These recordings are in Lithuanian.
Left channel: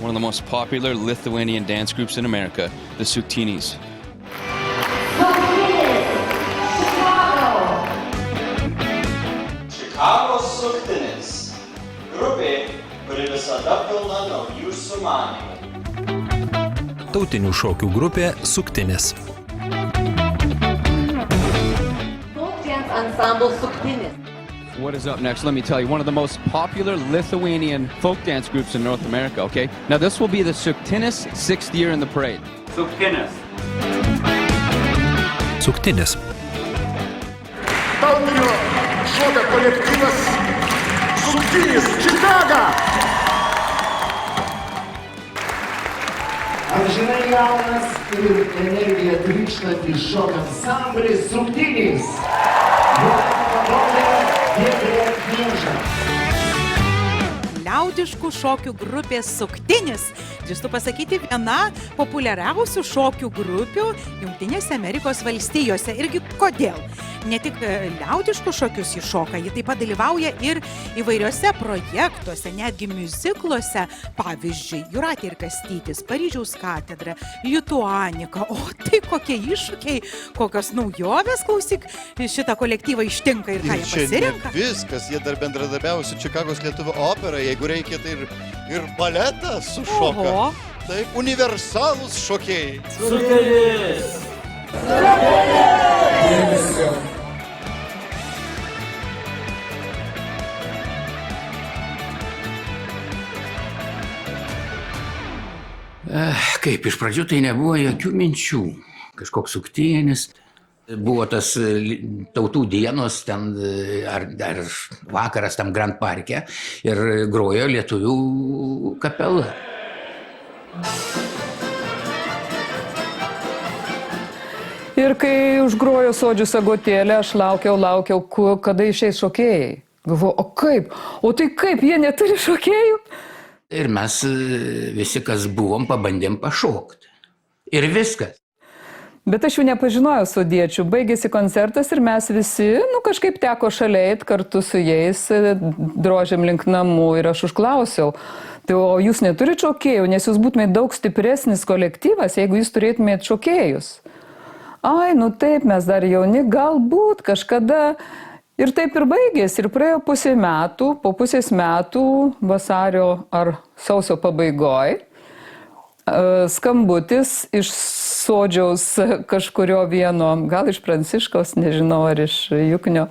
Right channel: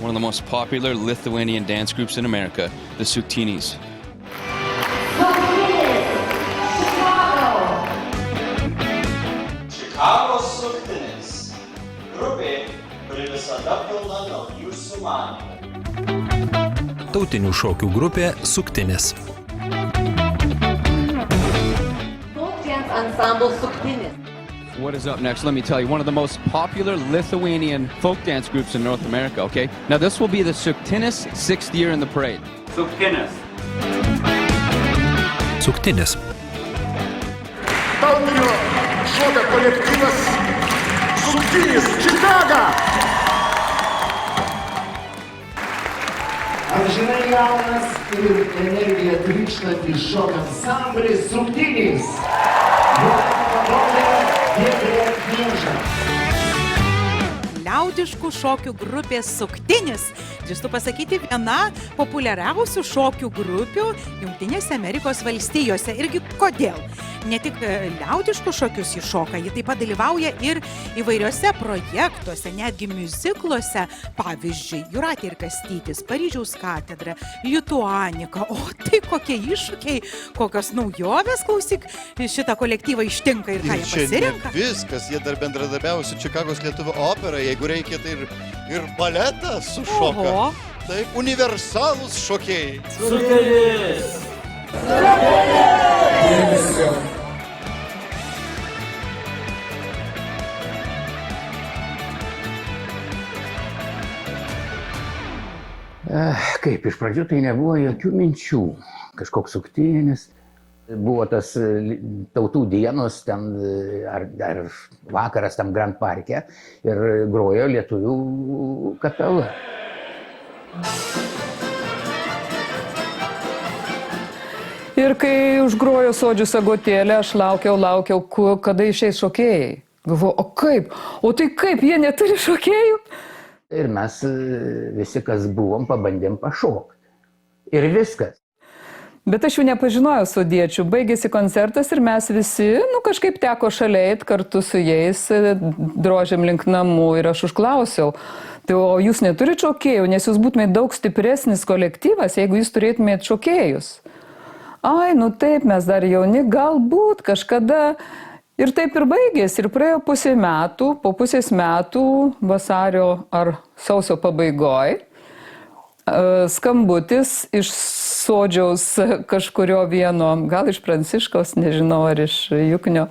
One of the most popular Lithuanian dance groups in America, the Suktinis. Chicago Suktinis. Grupė, kuri visada pilna naujų sumanymų. Tautinių šokių grupė Suktinis. Folk dance ensemble Suktinis. What is up next? Let me tell you, one of the most popular Lithuanian folk dance groups in North America, okay? Now this will be the Suktinis 6th year in the parade. Suktinis. Suktinis. Tautinio šokio kolektyvas Suktinis, Čikaga. Amžinai jaunas ir energiją trykštantys šokio ansamblis Suktinis. Liaudiškų šokių grupės Suktinis. Drįstu pasakyti, viena populiariausių šokių grupių Jungtinėse Amerikos valstijose. Irgi kodėl? Ne tik liaudiškus šokius ji šoka, ji taip pat dalyvauja ir įvairiuose projektuose, netgi miuzikluose. Pavyzdžiui, Jūratė ir Kastytis, Paryžiaus katedra, Lituanika. O tai kokie iššūkiai, kokios naujovės, klausyk, šitą kolektyvą ištinka ir ką jie pasirenka. Viskas, jie dar bendradarbiavo su Čikagos lietuvių opera, jeigu reikia, tai ir baletą sušoka. Oho. Taip, universalūs šokėjai. Suktinis. Kaip, iš pradžių tai nebuvo jokių minčių. Kažkoks Suktinis. Buvo tas tautų dienos, ten, ar vakaras tam Grand Parke ir grojo lietuvių kapela. Ir kai užgrojo Sodžių sagotėlę, aš laukiau, kada išeis šokėjai. Galvoju, o kaip? O tai kaip, jie neturi šokėjų? Ir mes visi, kas buvom, pabandėm pašokti. Ir viskas. Bet aš jų nepažinojau sodiečių. Baigėsi koncertas ir mes visi, kažkaip teko šalia eit kartu su jais, drožėm link namų ir aš užklausiau. Tai o jūs neturite šokėjų, nes jūs būtumėte daug stipresnis kolektyvas, jeigu jūs turėtumėte šokėjus. Ai, taip, mes dar jauni, galbūt kažkada. Ir taip ir baigėsi. Ir praėjo pusė metų, po pusės metų, vasario ar sausio pabaigoj, skambutis iš Sodžiaus kažkurio vieno, gal iš Pranciškaus, nežinau, ar iš Juknio,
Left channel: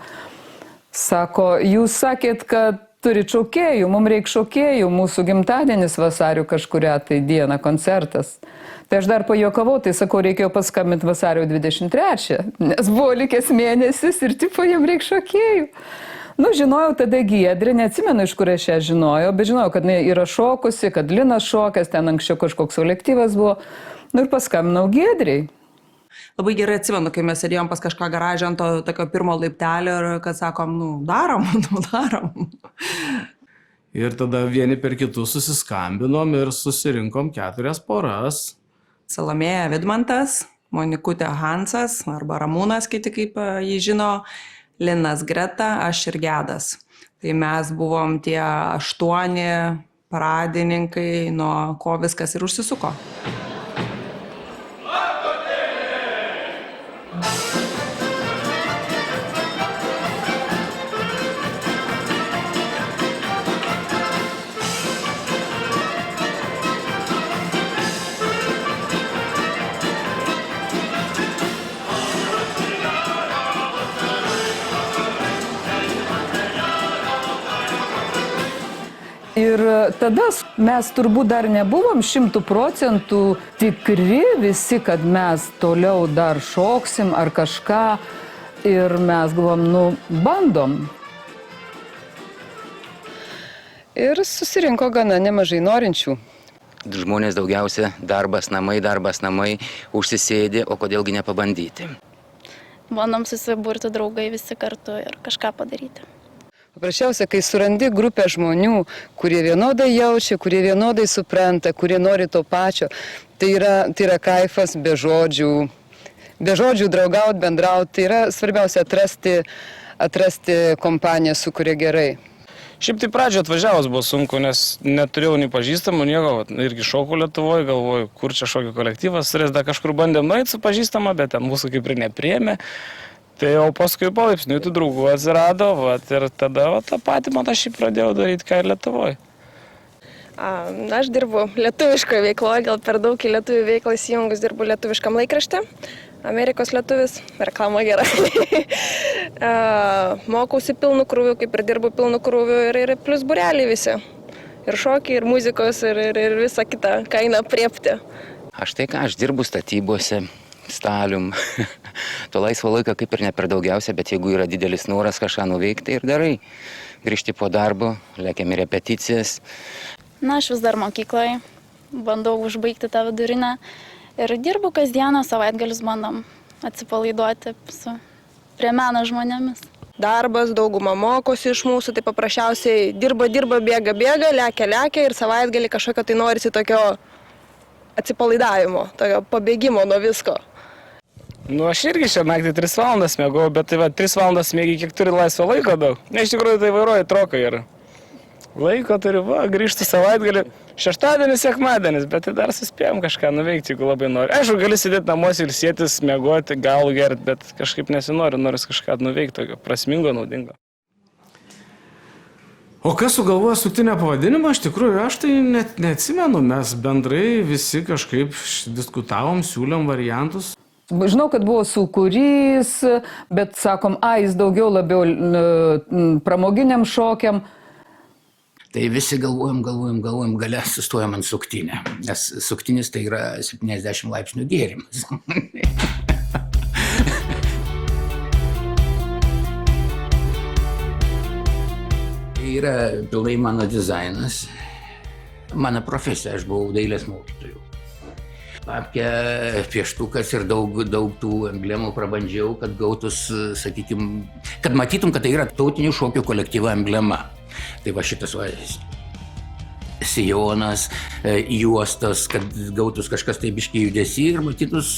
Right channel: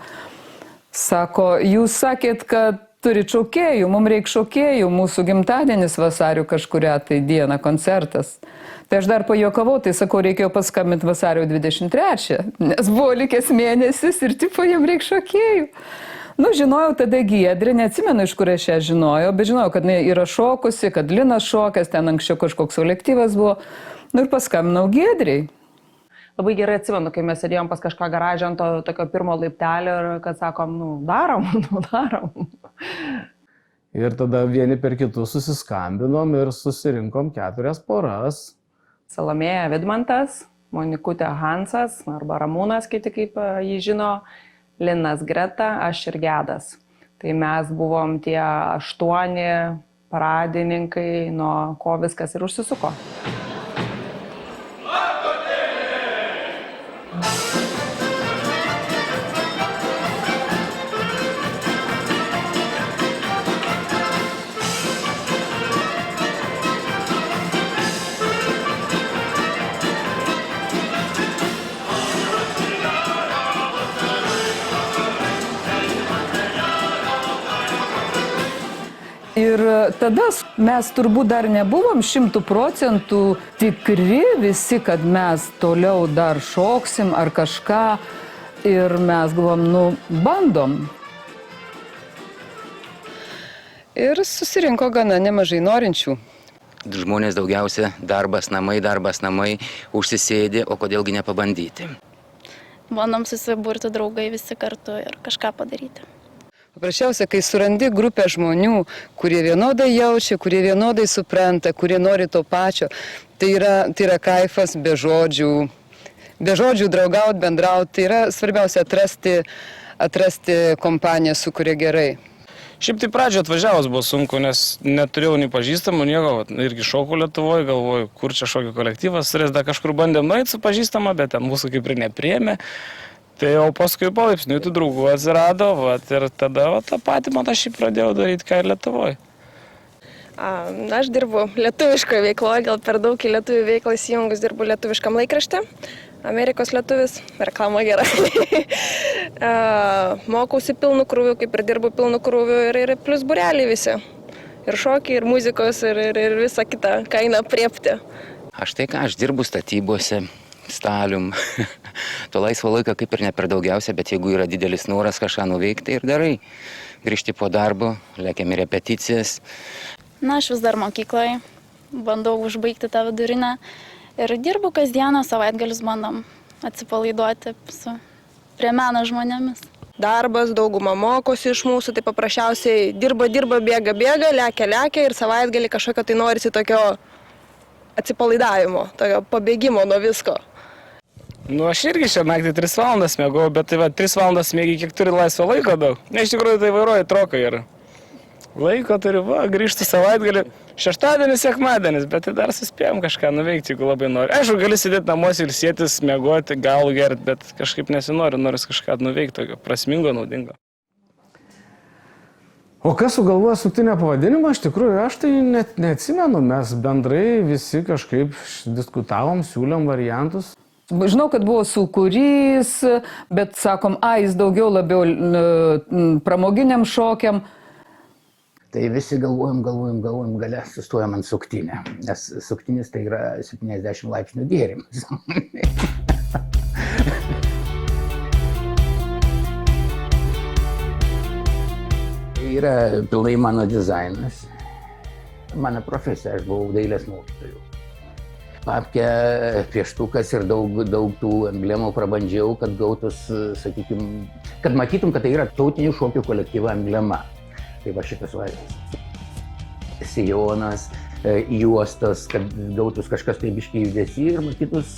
sako, jūs sakėt, kad turit šokėjų, mums reikia šokėjų, mūsų gimtadienis vasario kažkuria tai diena, koncertas. Tai aš dar pajuokavau, tai sakau, reikėjo paskambinti vasario 23, nes buvo likęs mėnesis ir tipo, jam reikia šokėjų. Žinojau tada Giedrę, neatsimenu, iš kur aš ją žinojau, bet žinojau, kad yra šokusi, kad Linas šokęs, ten anksčiau kažkoks kolektyvas buvo. Ir paskambinau Giedrei. Labai gerai atsimenu, kai mes sėdėjom pas kažką garažę ant to tokio pirmo laiptelio ir kad sakom, darom. Ir tada vieni per kitus susiskambinom ir susirinkom 4 poras. Salomėja Vidmantas, Monikutė Hansas, arba Ramūnas, kiti kaip jį žino, Linas Greta, aš ir Gedas. Tai mes buvom tie 8 paradininkai, nuo ko viskas ir užsisuko. Ir tada mes turbūt dar nebuvom 100% tikri visi, kad mes toliau dar šoksim ar kažką. Ir mes galvom, bandom. Ir susirinko gana nemažai norinčių. Žmonės daugiausia darbas, namai, užsisėdi, o kodėlgi nepabandyti. Bandom susiburti draugai visi kartu ir kažką padaryti. Paprasčiausia, kai surandi grupę žmonių, kurie vienodai jaučia, kurie vienodai supranta, kurie nori to pačio, tai yra kaifas be žodžių draugauti, bendrauti. Tai yra svarbiausia atrasti kompaniją, su kuria gerai. Šiaip tai pradžio atvažiavus buvo sunku, nes neturėjau nei pažįstamų, nieko, irgi šokau Lietuvoje, galvoju, kur čia šokio kolektyvas, dar kažkur bandėm nueiti su pažįstama, bet ten mūsų kaip ir nepriėmė. Tai jau paskui palaipsniui tų draugų atsirado, ir tada tą patį man aš pradėjau daryti, ką ir Lietuvoje. Aš dirbu lietuviškoje veikloje, gal per daug į lietuvių veiklą įsijungus dirbu lietuviškam laikrašte. Amerikos lietuvis, reklama gera. Mokausi pilnu krūviu, kaip ir dirbu pilnu krūviu ir plus būreliai visi. Ir šokiai, ir muzikos, ir visa kita, ką eina priepti. Aš dirbu statybose, stalium. To laisvo laiko kaip ir ne per daugiausia, bet jeigu yra didelis noras kažką nuveikti ir darai. Grįžti po darbo, lėkiam į repeticijas. Aš vis dar mokykloje, bandau užbaigti tą vidurinę. Ir dirbu kasdieną, savaitgalius bandom atsipalaiduoti prie meno žmonėmis. Darbas, dauguma mokosi iš mūsų, tai paprasčiausiai dirba, bėga, lekia ir savaitgalį kažkokio tai norisi tokio atsipalaidavimo, tokio pabėgimo nuo visko. Aš irgi šią naktį 3 valandas mėgau, bet 3 valandas mėgi, kiek turi laisvo laiko daug. Iš tikrųjų tai vairuoja trokai ir laiko turi, grįžti savaitgalį. Šeštadienis, sekmadienis, bet tai dar suspėjom kažką nuveikti, jeigu labai nori. Aišku, gali sėdėti namuose ir sėtis, mėgoti, galų gerti, bet kažkaip nesinori, noris kažką nuveikti, tokio prasmingo, naudingo. O kas sugalvojo suktinio pavadinimą, iš tikrųjų, aš tai net neatsimenu, mes bendrai visi kažkaip diskutavom, siūlėm variantus. Žinau, kad buvo sūkurys, bet sakom, jis daugiau labiau pramoginiam šokiam. Tai visi galvojam, gale sustojam ant suktinę, nes suktinis tai yra 70 laipsnių gėrimas. Tai yra pilnai mano dizainas, mano profesija, aš buvau dailės mokytoju. Papkė, pieštukas ir daug tų emblemų prabandžiau, kad gautus, sakykime, kad matytum, kad tai yra tautinių šokių kolektyvo emblema. Tai va šitas sijonas, juostas, kad gautus kažkas tai biškiai judesį ir matytus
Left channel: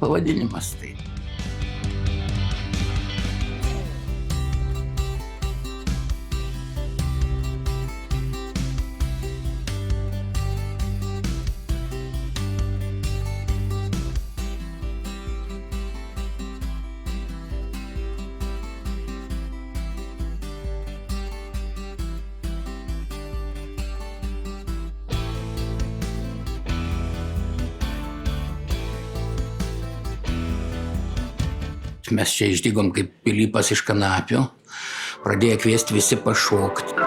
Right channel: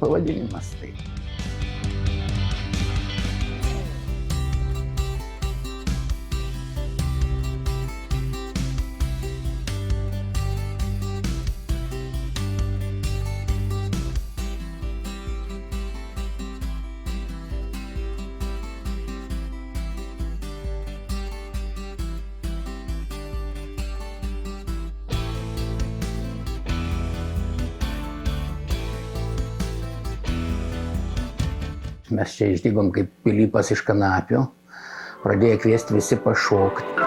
pavadinimas. Mes čia išdygom kaip Pilypas iš kanapių, pradėjo kviesti visi pašokti.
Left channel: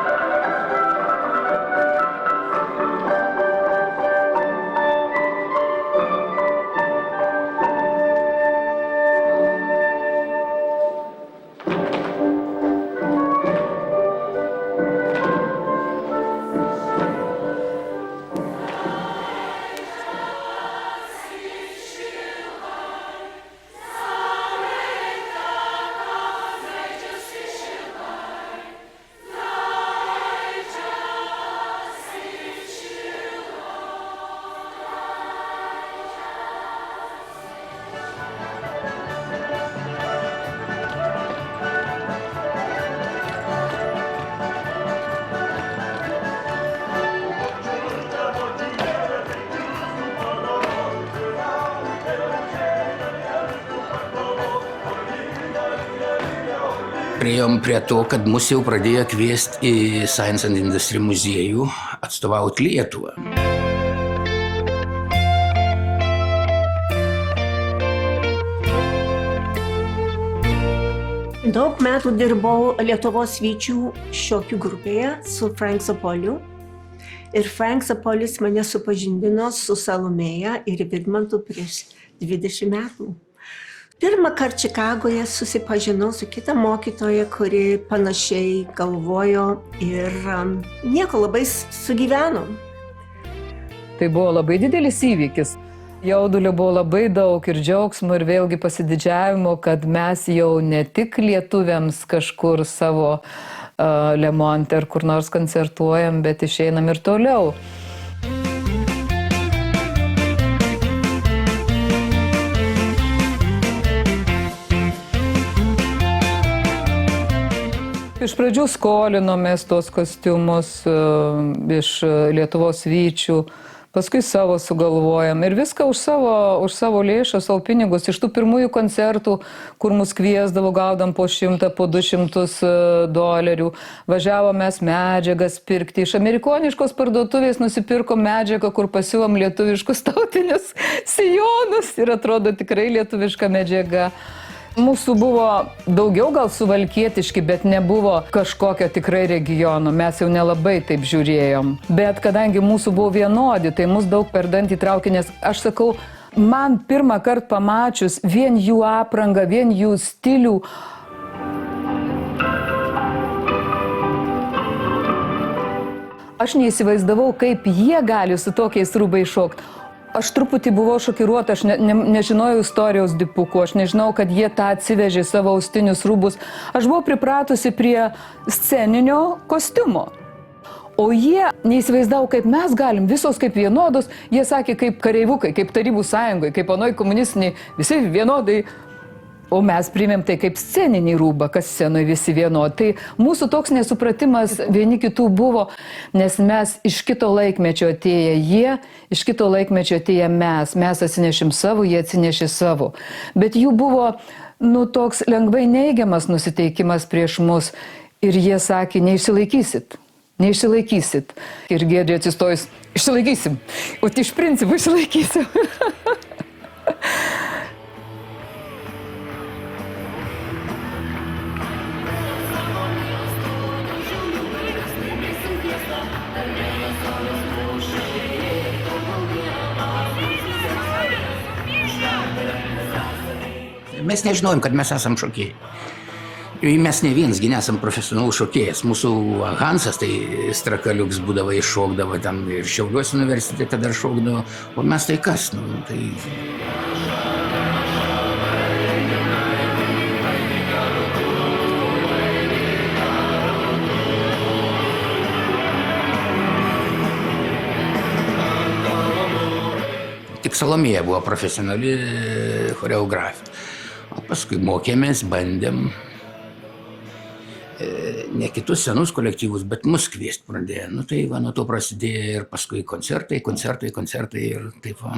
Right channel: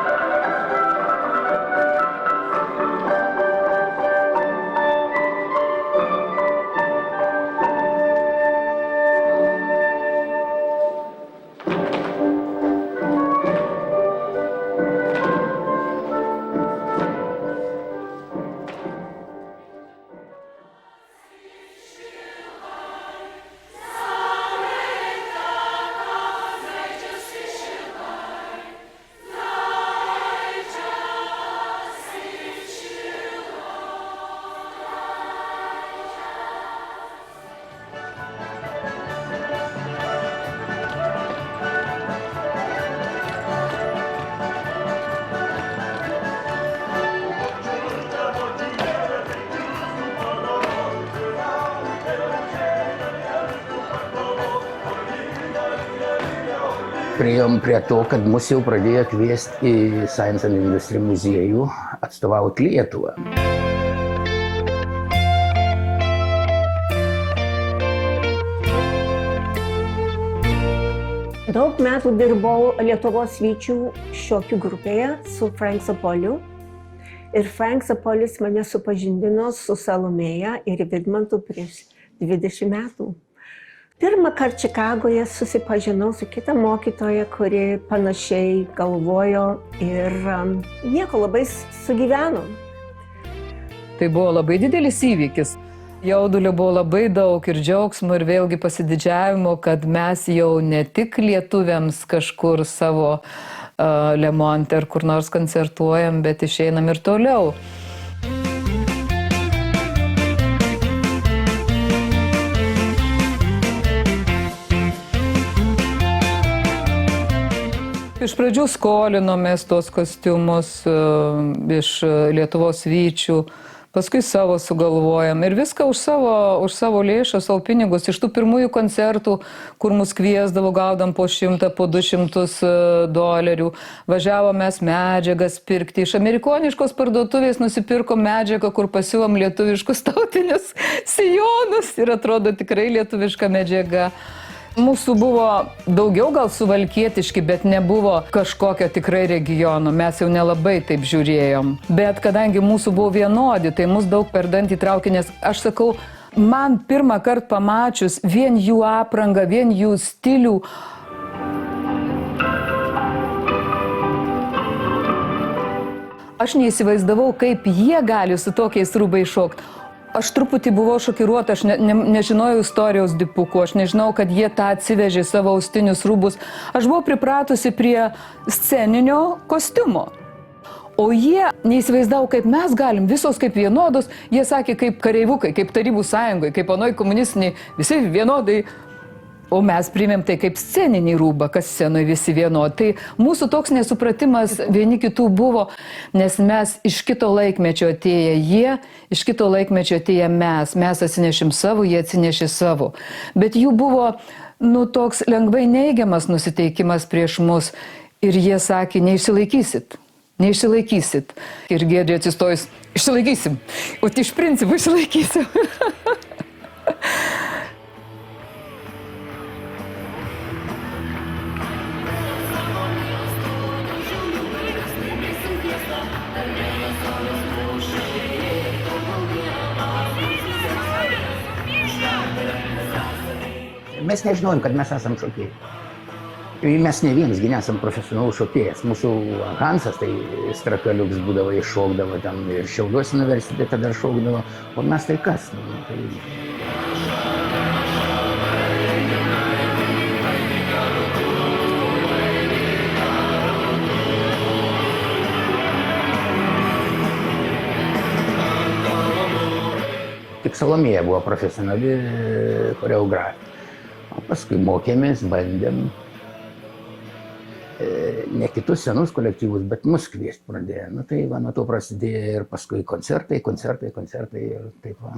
Priėjom prie to, kad mus jau pradėjo kviesti į Science and Industry muziejų atstovauti Lietuvą. Daug metų dirbau Lietuvos Vyčių šokių grupėje su Frank Zapoliu. Ir Frank Zapolis mane supažindino su Salomėja ir Vidmantu prieš 20 metų. Pirmą kartą Čikagoje susipažinau su kita mokytoja, kuri panašiai galvojo ir nieko labai sugyvenom. Tai buvo labai didelis įvykis. Jaudulio buvo labai daug ir džiaugsmo ir vėlgi pasididžiavimo, kad mes jau ne tik lietuviams kažkur savo Lemonte ar kur nors koncertuojam, bet išeinam ir toliau. Iš pradžių skolinomės tos kostiumus iš Lietuvos Vyčių, paskui savo sugalvojam ir viską už savo lėšą, savo pinigus. Iš tų pirmųjų koncertų, kur mus kviesdavo, gaudam po 100, po $200. Važiavom mes medžiagas pirkti. Iš amerikoniškos parduotuvės nusipirkom medžiagą, kur pasiūlom lietuviškus tautinius sijonus ir atrodo tikrai lietuviška medžiaga. Mūsų buvo daugiau gal suvalkietiški, bet nebuvo kažkokio tikrai regiono. Mes jau nelabai taip žiūrėjom. Bet kadangi mūsų buvo vienodi, tai mus daug per dantį traukė, nes aš sakau, man pirmą kartą pamačius vien jų aprangą, vien jų stilių, aš neįsivaizdavau, kaip jie gali su tokiais rūbais šokti. Aš truputį buvau šokiruota, aš nežinojau istorijos dipukų, aš nežinau, kad jie tą atsivežė savo austinius rūbus. Aš buvau pripratusi prie sceninio kostiumo. O jie neįsivaizdavo, kaip mes galim, visos kaip vienodos. Jie sakė, kaip kareivukai, kaip Tarybų sąjungoje, kaip anoj komunistiniai, visi vienodai. O mes priėmėm tai kaip sceninį rūbą, kas scenoje visi vienodi. Tai mūsų toks nesupratimas vieni kitų buvo, nes mes iš kito laikmečio atėję jie, iš kito laikmečio atėję mes. Mes atsinešim savo, jie atsinešė savo. Bet jų buvo, toks lengvai neigiamas nusiteikimas prieš mus. Ir jie sakė, neišsilaikysit. Neišsilaikysit. Ir Giedrė atsistojus, išsilaikysim. O iš principų išsilaikysim. Mes nežinojom, kad mes esam šokėjai. Mes ne vienisgi nesam profesionalus šokėjas. Mūsų Hansas, tai Strakaliuks būdavo, iššokdavo, tam Šiauliuos universitete dar šokdavo, o mes tai kas? Tik Salomėja buvo profesionali choreografija. Paskui mokėmės, bandėm ne kitus senus kolektyvus, bet mus kviesti pradėjo. Tai va, nuo to prasidėjo ir paskui koncertai ir taip va.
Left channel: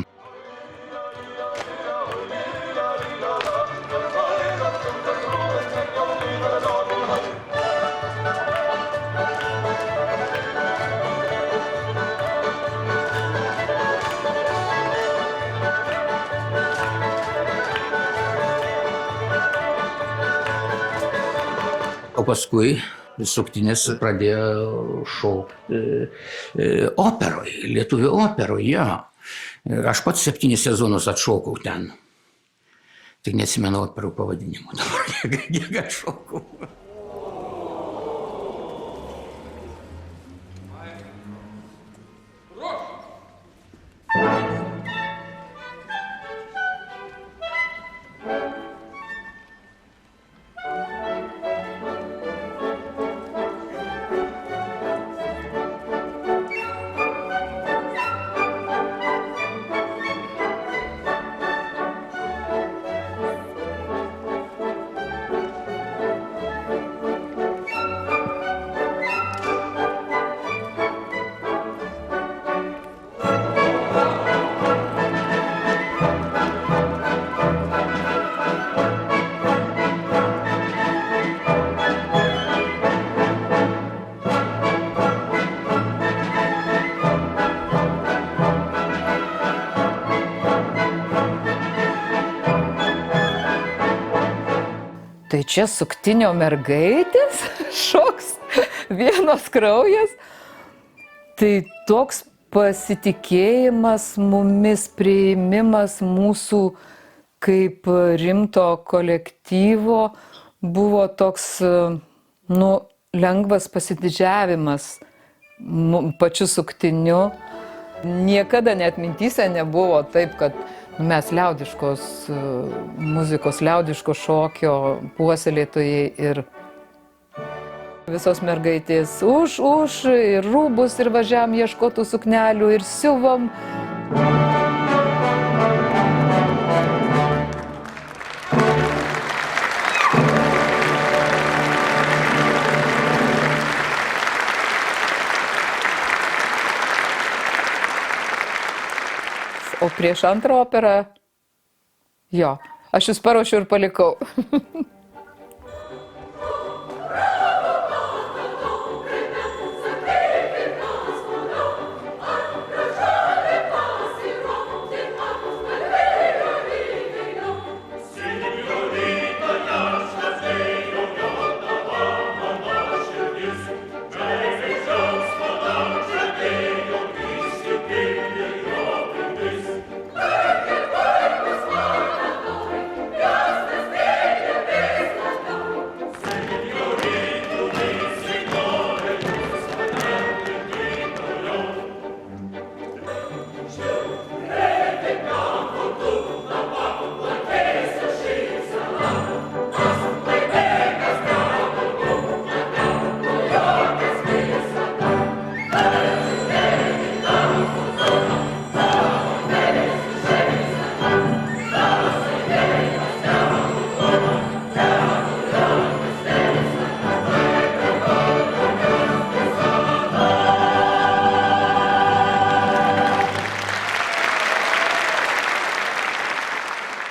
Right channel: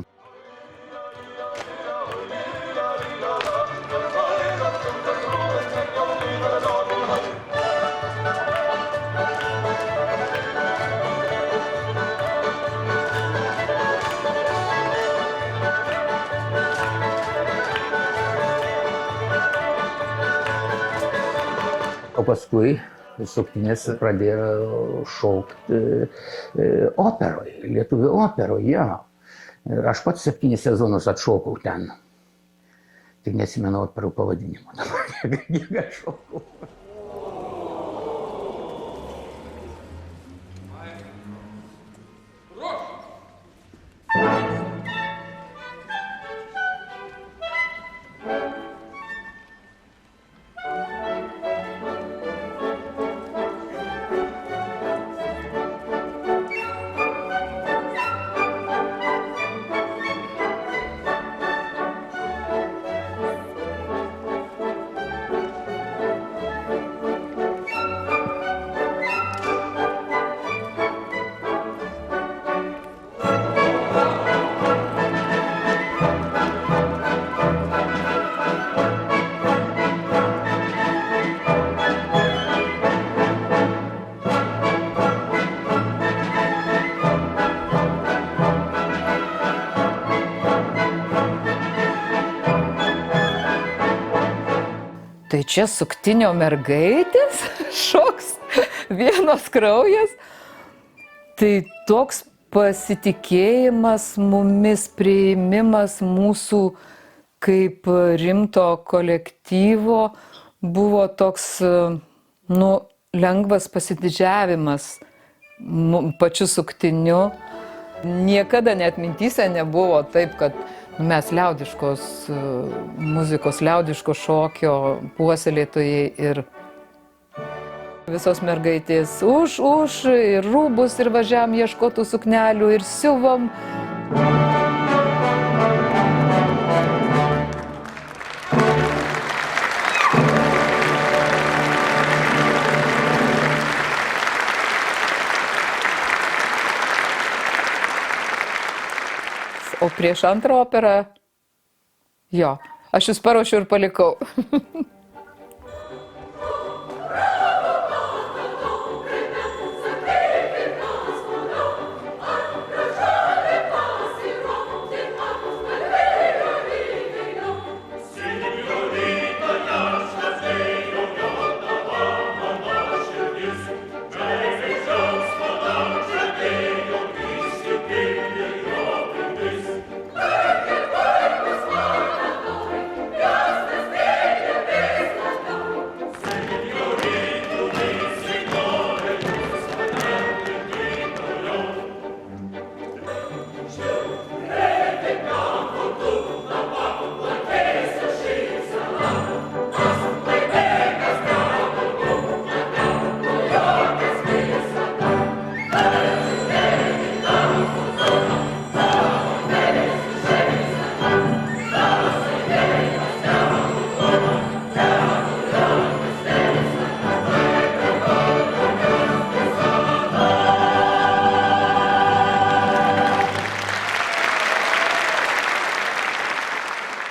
Paskui Suktinis pradėjo šokti operoj, lietuvių operoj, jo. Aš pats 7 sezonus atšokau ten. Tik neatsimenu operų pavadinimų dabar, kiek atšokau. Tai čia Suktinio mergaitės šoks, vienos kraujas. Tai toks pasitikėjimas mumis, priėmimas mūsų kaip rimto kolektyvo buvo toks, lengvas pasididžiavimas pačiu Suktiniu. Niekada net mintyse nebuvo taip, kad mes liaudiškos muzikos, liaudiško šokio puoselėtojai ir visos mergaitės už ir rūbus ir važiavam ieškotų suknelių ir siuvom. O prieš antrą operą, aš jūs paruošiu ir palikau.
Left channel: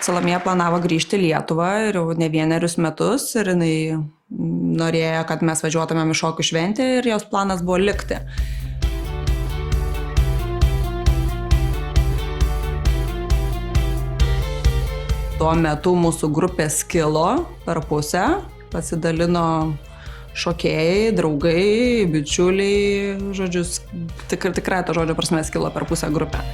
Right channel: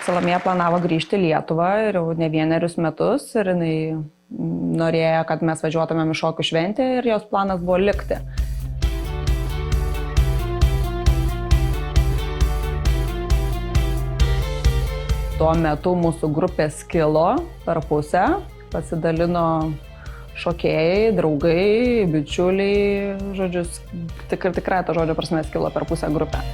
Salomėja planavo grįžti į Lietuvą ir jau ne vienerius metus ir jinai norėjo, kad mes važiuotumėm į šokių šventę ir jos planas buvo likti. Tuo metu mūsų grupė skilo per pusę, pasidalino šokėjai, draugai, bičiuliai, žodžius, tikrai to žodžio prasme skilo per pusę grupę.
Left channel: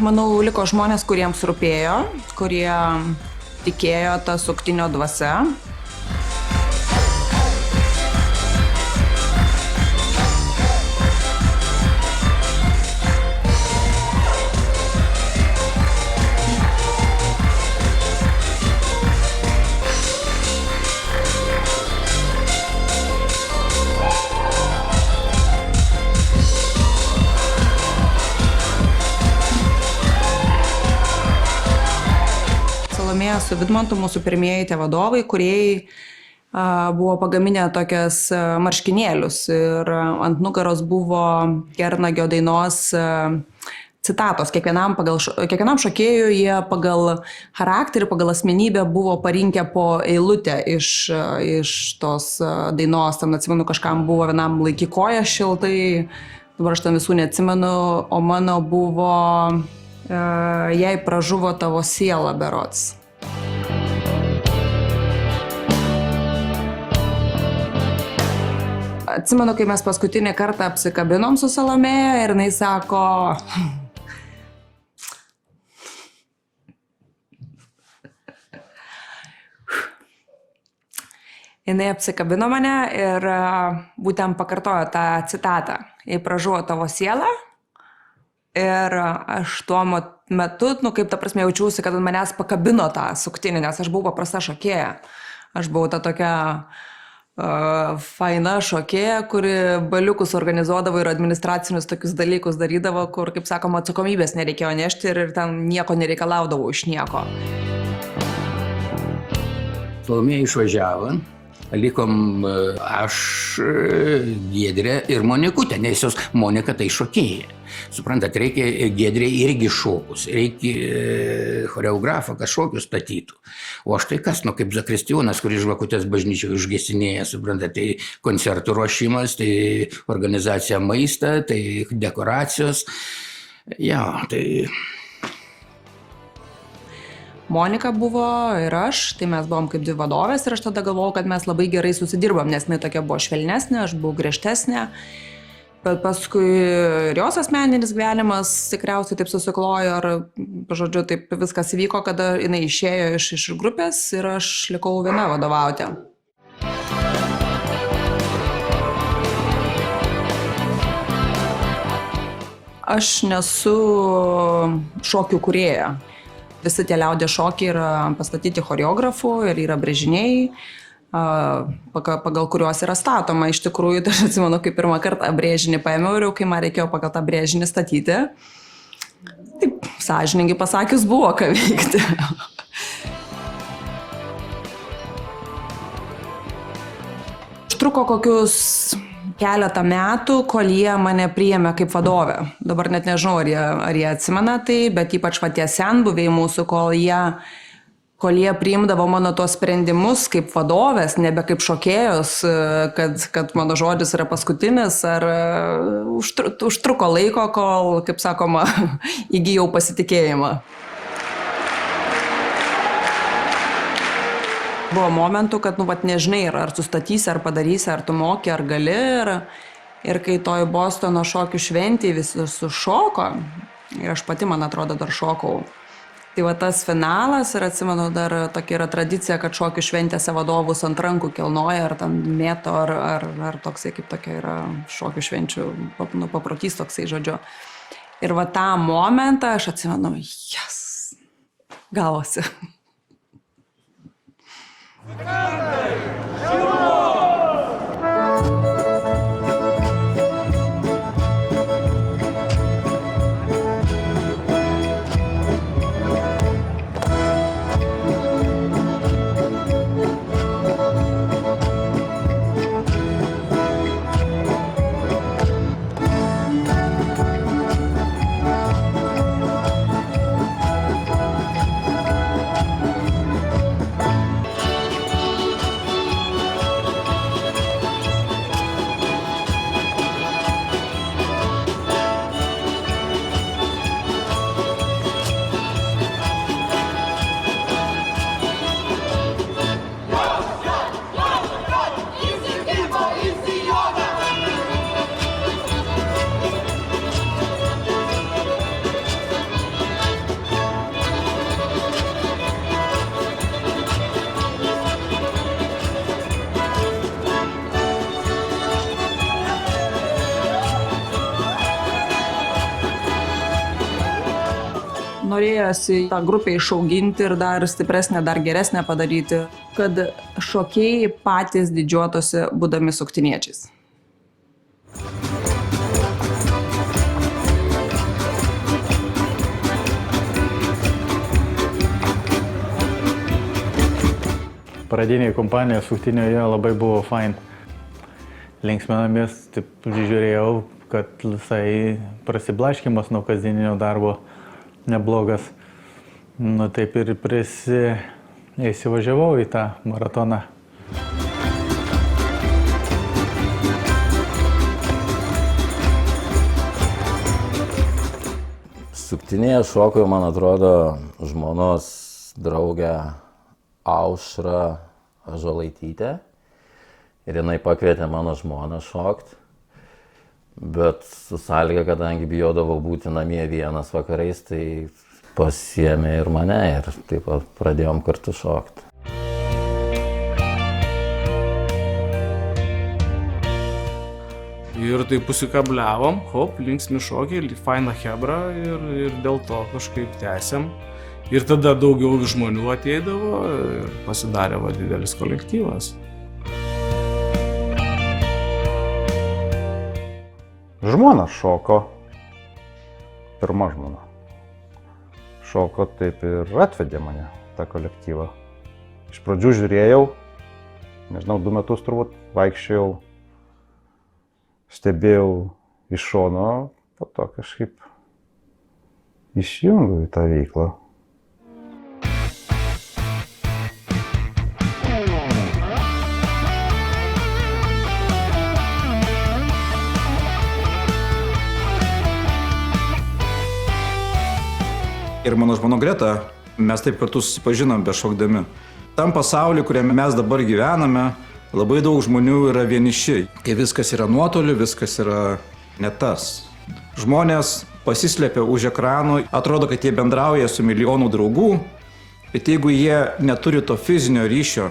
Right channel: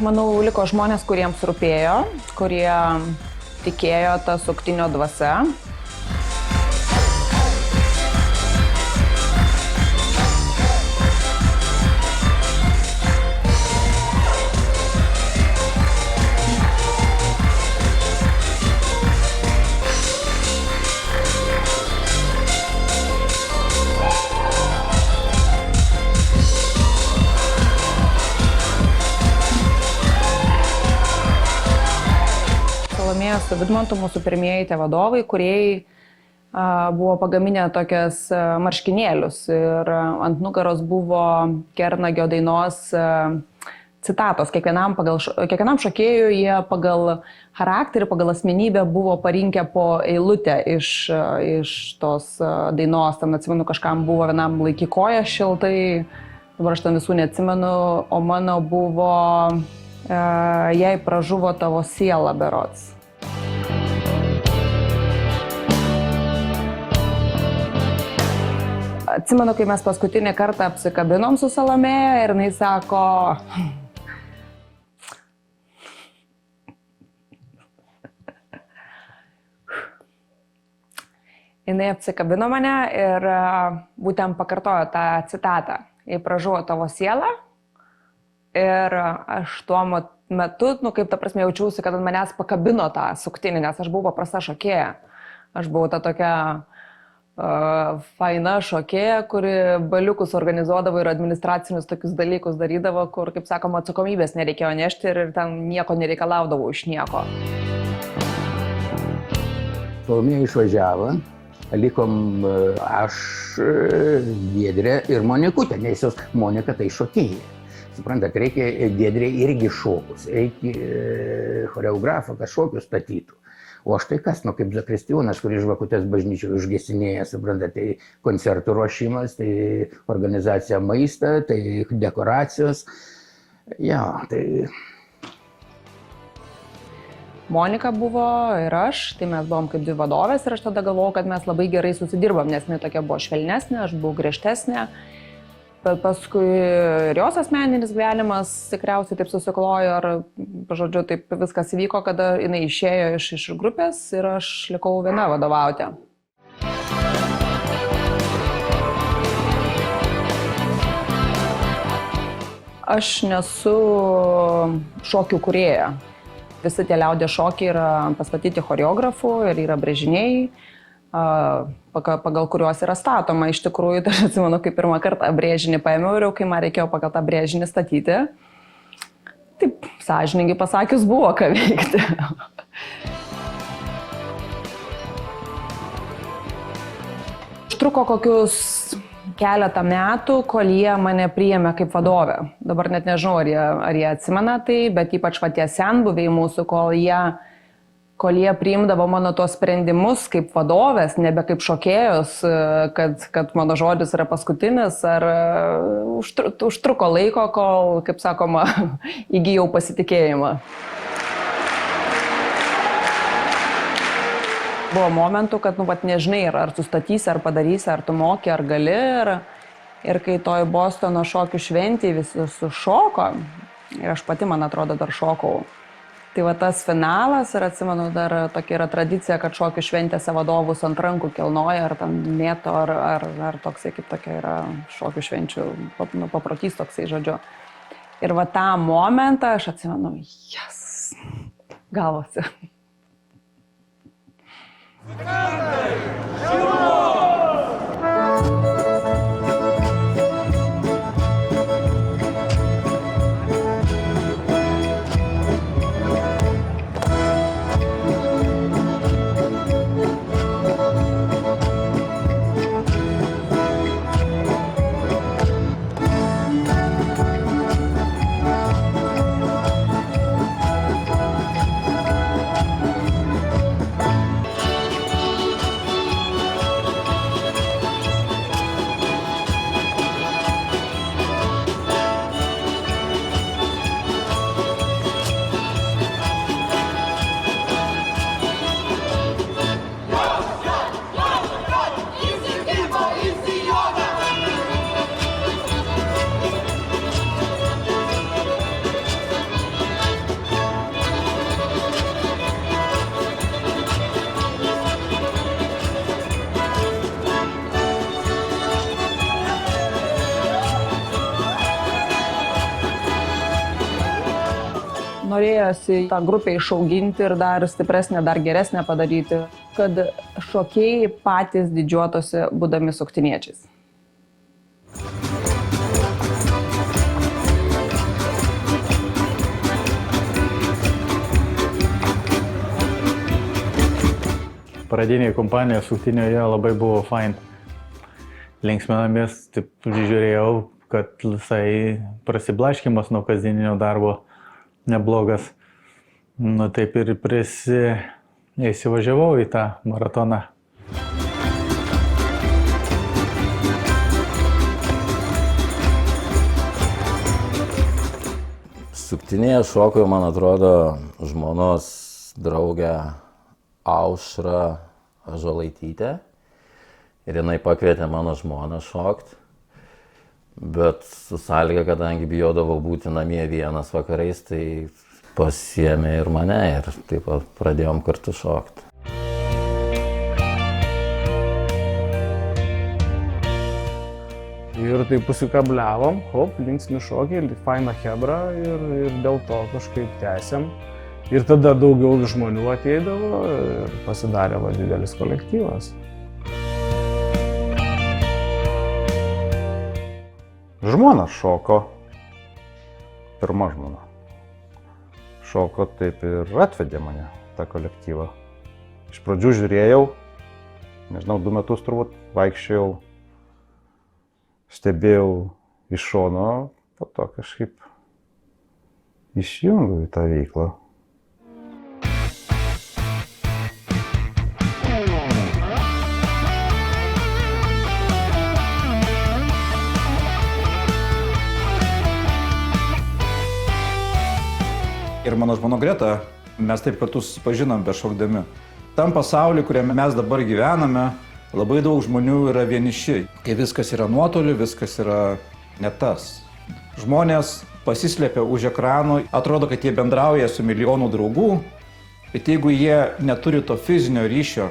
Manau, liko žmonės, kuriems rūpėjo, kurie tikėjo tą suktinio dvasia. Su Vidmantu mūsų pirmieji tie vadovai, kurie buvo pagaminę tokias marškinėlius ir ant nugaros buvo Kernagio dainos citatos. Kiekvienam šokėjui jie pagal charakterį, pagal asmenybę buvo parinkę po eilutę iš tos dainos. Ten atsimenu, kažkam buvo vienam laiky koja šiltai, dabar aš ten visų neatsimenu, o mano buvo jei pražuvo tavo siela berods. Atsimenu, kai mes paskutinį kartą apsikabinom su Salomėja ir jinai sako, jinai apsikabino mane ir būtent pakartojo tą citatą. Jei pražuvo tavo sielą. Ir aš tuo metu, kaip ta prasme, jaučiausi, kad ant manęs pakabino tą suktinį, nes aš buvau paprasta šokėja. Aš buvau ta tokia faina šokėja, kuri baliukus organizuodavo ir administracinius tokius dalykus darydavo, kur, kaip sakoma, atsakomybės nereikėjo nešti ir ten nieko nereikalaudavo iš nieko. Salomėja išvažiavo, likom aš, Giedrė ir Monikutė, nes jos Monika tai šokėja. Suprantat, reikia Giedrė irgi šokus, reikia choreografą, kad šokius statytų. O aš tai kas, kaip Zakristijonas, kuris žvakutės bažnyčioje užgesinėja, suprantat, tai koncertų ruošimas, tai organizacija maistą, tai dekoracijos. Tai... Monika buvo ir aš, tai mes buvom kaip dvi vadovės ir aš tada galvojau, kad mes labai gerai susidirbam, nes jinai tokia buvo švelnesnė, aš buvau griežtesnė. Bet paskui ir jos asmeninis gyvenimas tikriausiai taip susiklojo, ar, žodžiu, taip viskas vyko, kada jinai išėjo iš grupės ir aš likau viena vadovauti. Aš nesu šokių kūrėja. Visi tie liaudės šokiai yra pastatyti choreografų ir yra brėžiniai, pagal kuriuos yra statoma. Iš tikrųjų, aš atsimenu, kaip pirmą kartą brėžinį paėmiau ir kai man reikėjo pagal tą brėžinį statyti, taip, sąžiningai pasakius, buvo ką veikti. Užtruko kokius keletą metų, kol jie mane priėmė kaip vadovę. Dabar net nežinau, ar jie atsimena tai, bet ypač patie senbuviai mūsų, kol jie priimdavo mano tos sprendimus kaip vadovės, nebe kaip šokėjos, kad mano žodis yra paskutinis, ar užtruko laiko, kol, kaip sakoma, įgijau pasitikėjimą. Buvo momentų, kad, nežinai, ar sustatysi, ar padarysi, ar tu moki, ar gali. Ir kai toj Bostono šokių šventėje visi sušoko, aš pati, man atrodo, dar šokau. Tai va tas finalas, ir atsimenu, dar tokia yra tradicija, kad šokių šventėse vadovus ant rankų kilnoja, ar tam mėto, ar toksai, kaip tokia yra šokių švenčių, paprotys toksai, žodžiu. Ir va tą momentą aš atsimenu, gavosi. Tą grupę išauginti ir dar stipresnę, dar geresnę padaryti, kad šokėjai patys didžiuotųsi būdami suktiniečiais. Pradinėje kompanijoje suktinėje labai buvo fain. Linksminamės, taip žiūrėjau, kad visai prasiblaškymas nuo kasdieninio darbo neblogas. Taip ir įsivažiavau į tą maratoną. Suktinėje šokau, man atrodo, žmonos draugę Aušrą Ąžuolaitytę. Ir jinai pakvietė mano žmoną šokt. Bet su sąlyga, kadangi bijodavau būti namie vienas vakarais, tai pasiėmė ir mane ir taip pradėjom kartu šokti. Ir taip pusikabliavom, linksmi šokiai, faina chebra ir dėl to kažkaip tęsiam. Ir tada daugiau žmonių ateidavo ir pasidarė didelis kolektyvas. Žmona šoko, pirma žmona. Šoko taip ir atvedė mane, tą kolektyvą. Iš pradžių žiūrėjau, nežinau, 2 metus turbūt vaikščiojau, stebėjau iš šono, po to kažkaip išjungiau į tą veiklą. Ir mano žmona Greta, mes taip kartu susipažinom bešokdami. Tam pasauliu, kuriame mes dabar gyvename, labai daug žmonių yra vieniši. Kai viskas yra nuotoliu, viskas yra ne tas. Žmonės pasislėpia už ekranų, atrodo, kad jie bendrauja su milijonu draugų, bet jeigu jie neturi to fizinio ryšio,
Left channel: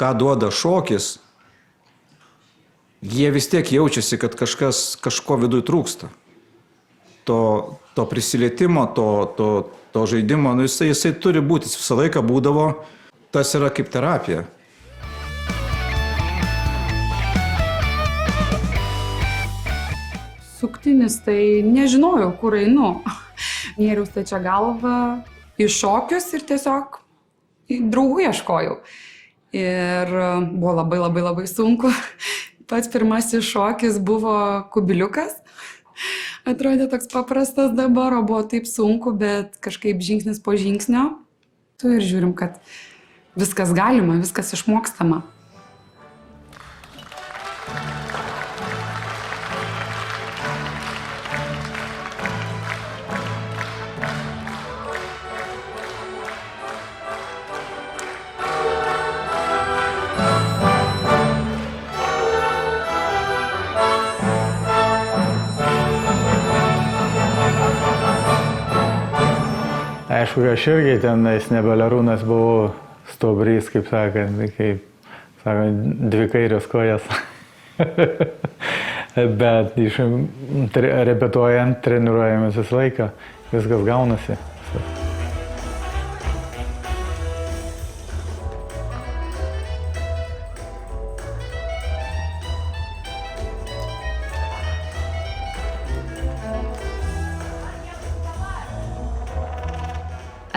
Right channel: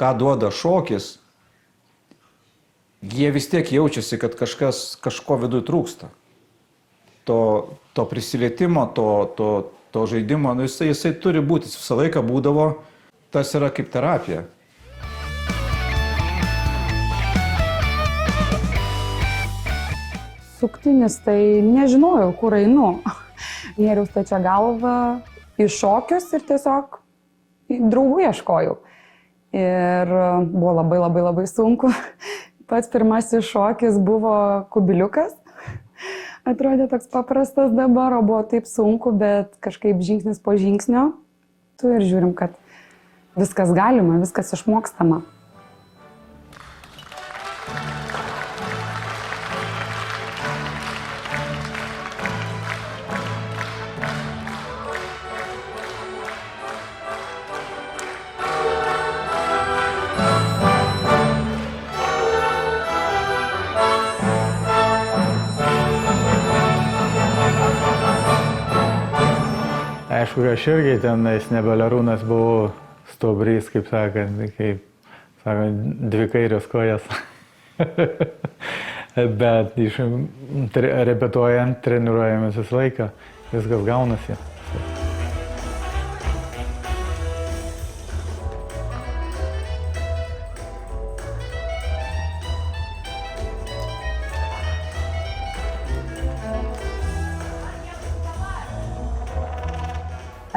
ką duoda šokis, jie vis tiek jaučiasi, kad kažko viduj trūksta. To prisilietimo, to žaidimo, jisai turi būti, jis visą laiką būdavo, tas yra kaip terapija. Suktinis, tai nežinojau, kur einu. Nėriau stačia galva į šokius ir tiesiog draugų ieškojau. Ir buvo labai sunku. Pats pirmasis šokis buvo kubiliukas. Atrodė toks paprastas dabar, o buvo taip sunku, bet kažkaip žingsnis po žingsnio. Tu ir žiūrim, kad viskas galima, viskas išmokstama. Aišku, aš irgi tenais nebelarūnas buvau stuobrys, kaip sakant, dvi kairios kojas. Bet repetuojant, treniruojamės visą laiką, viskas gaunasi.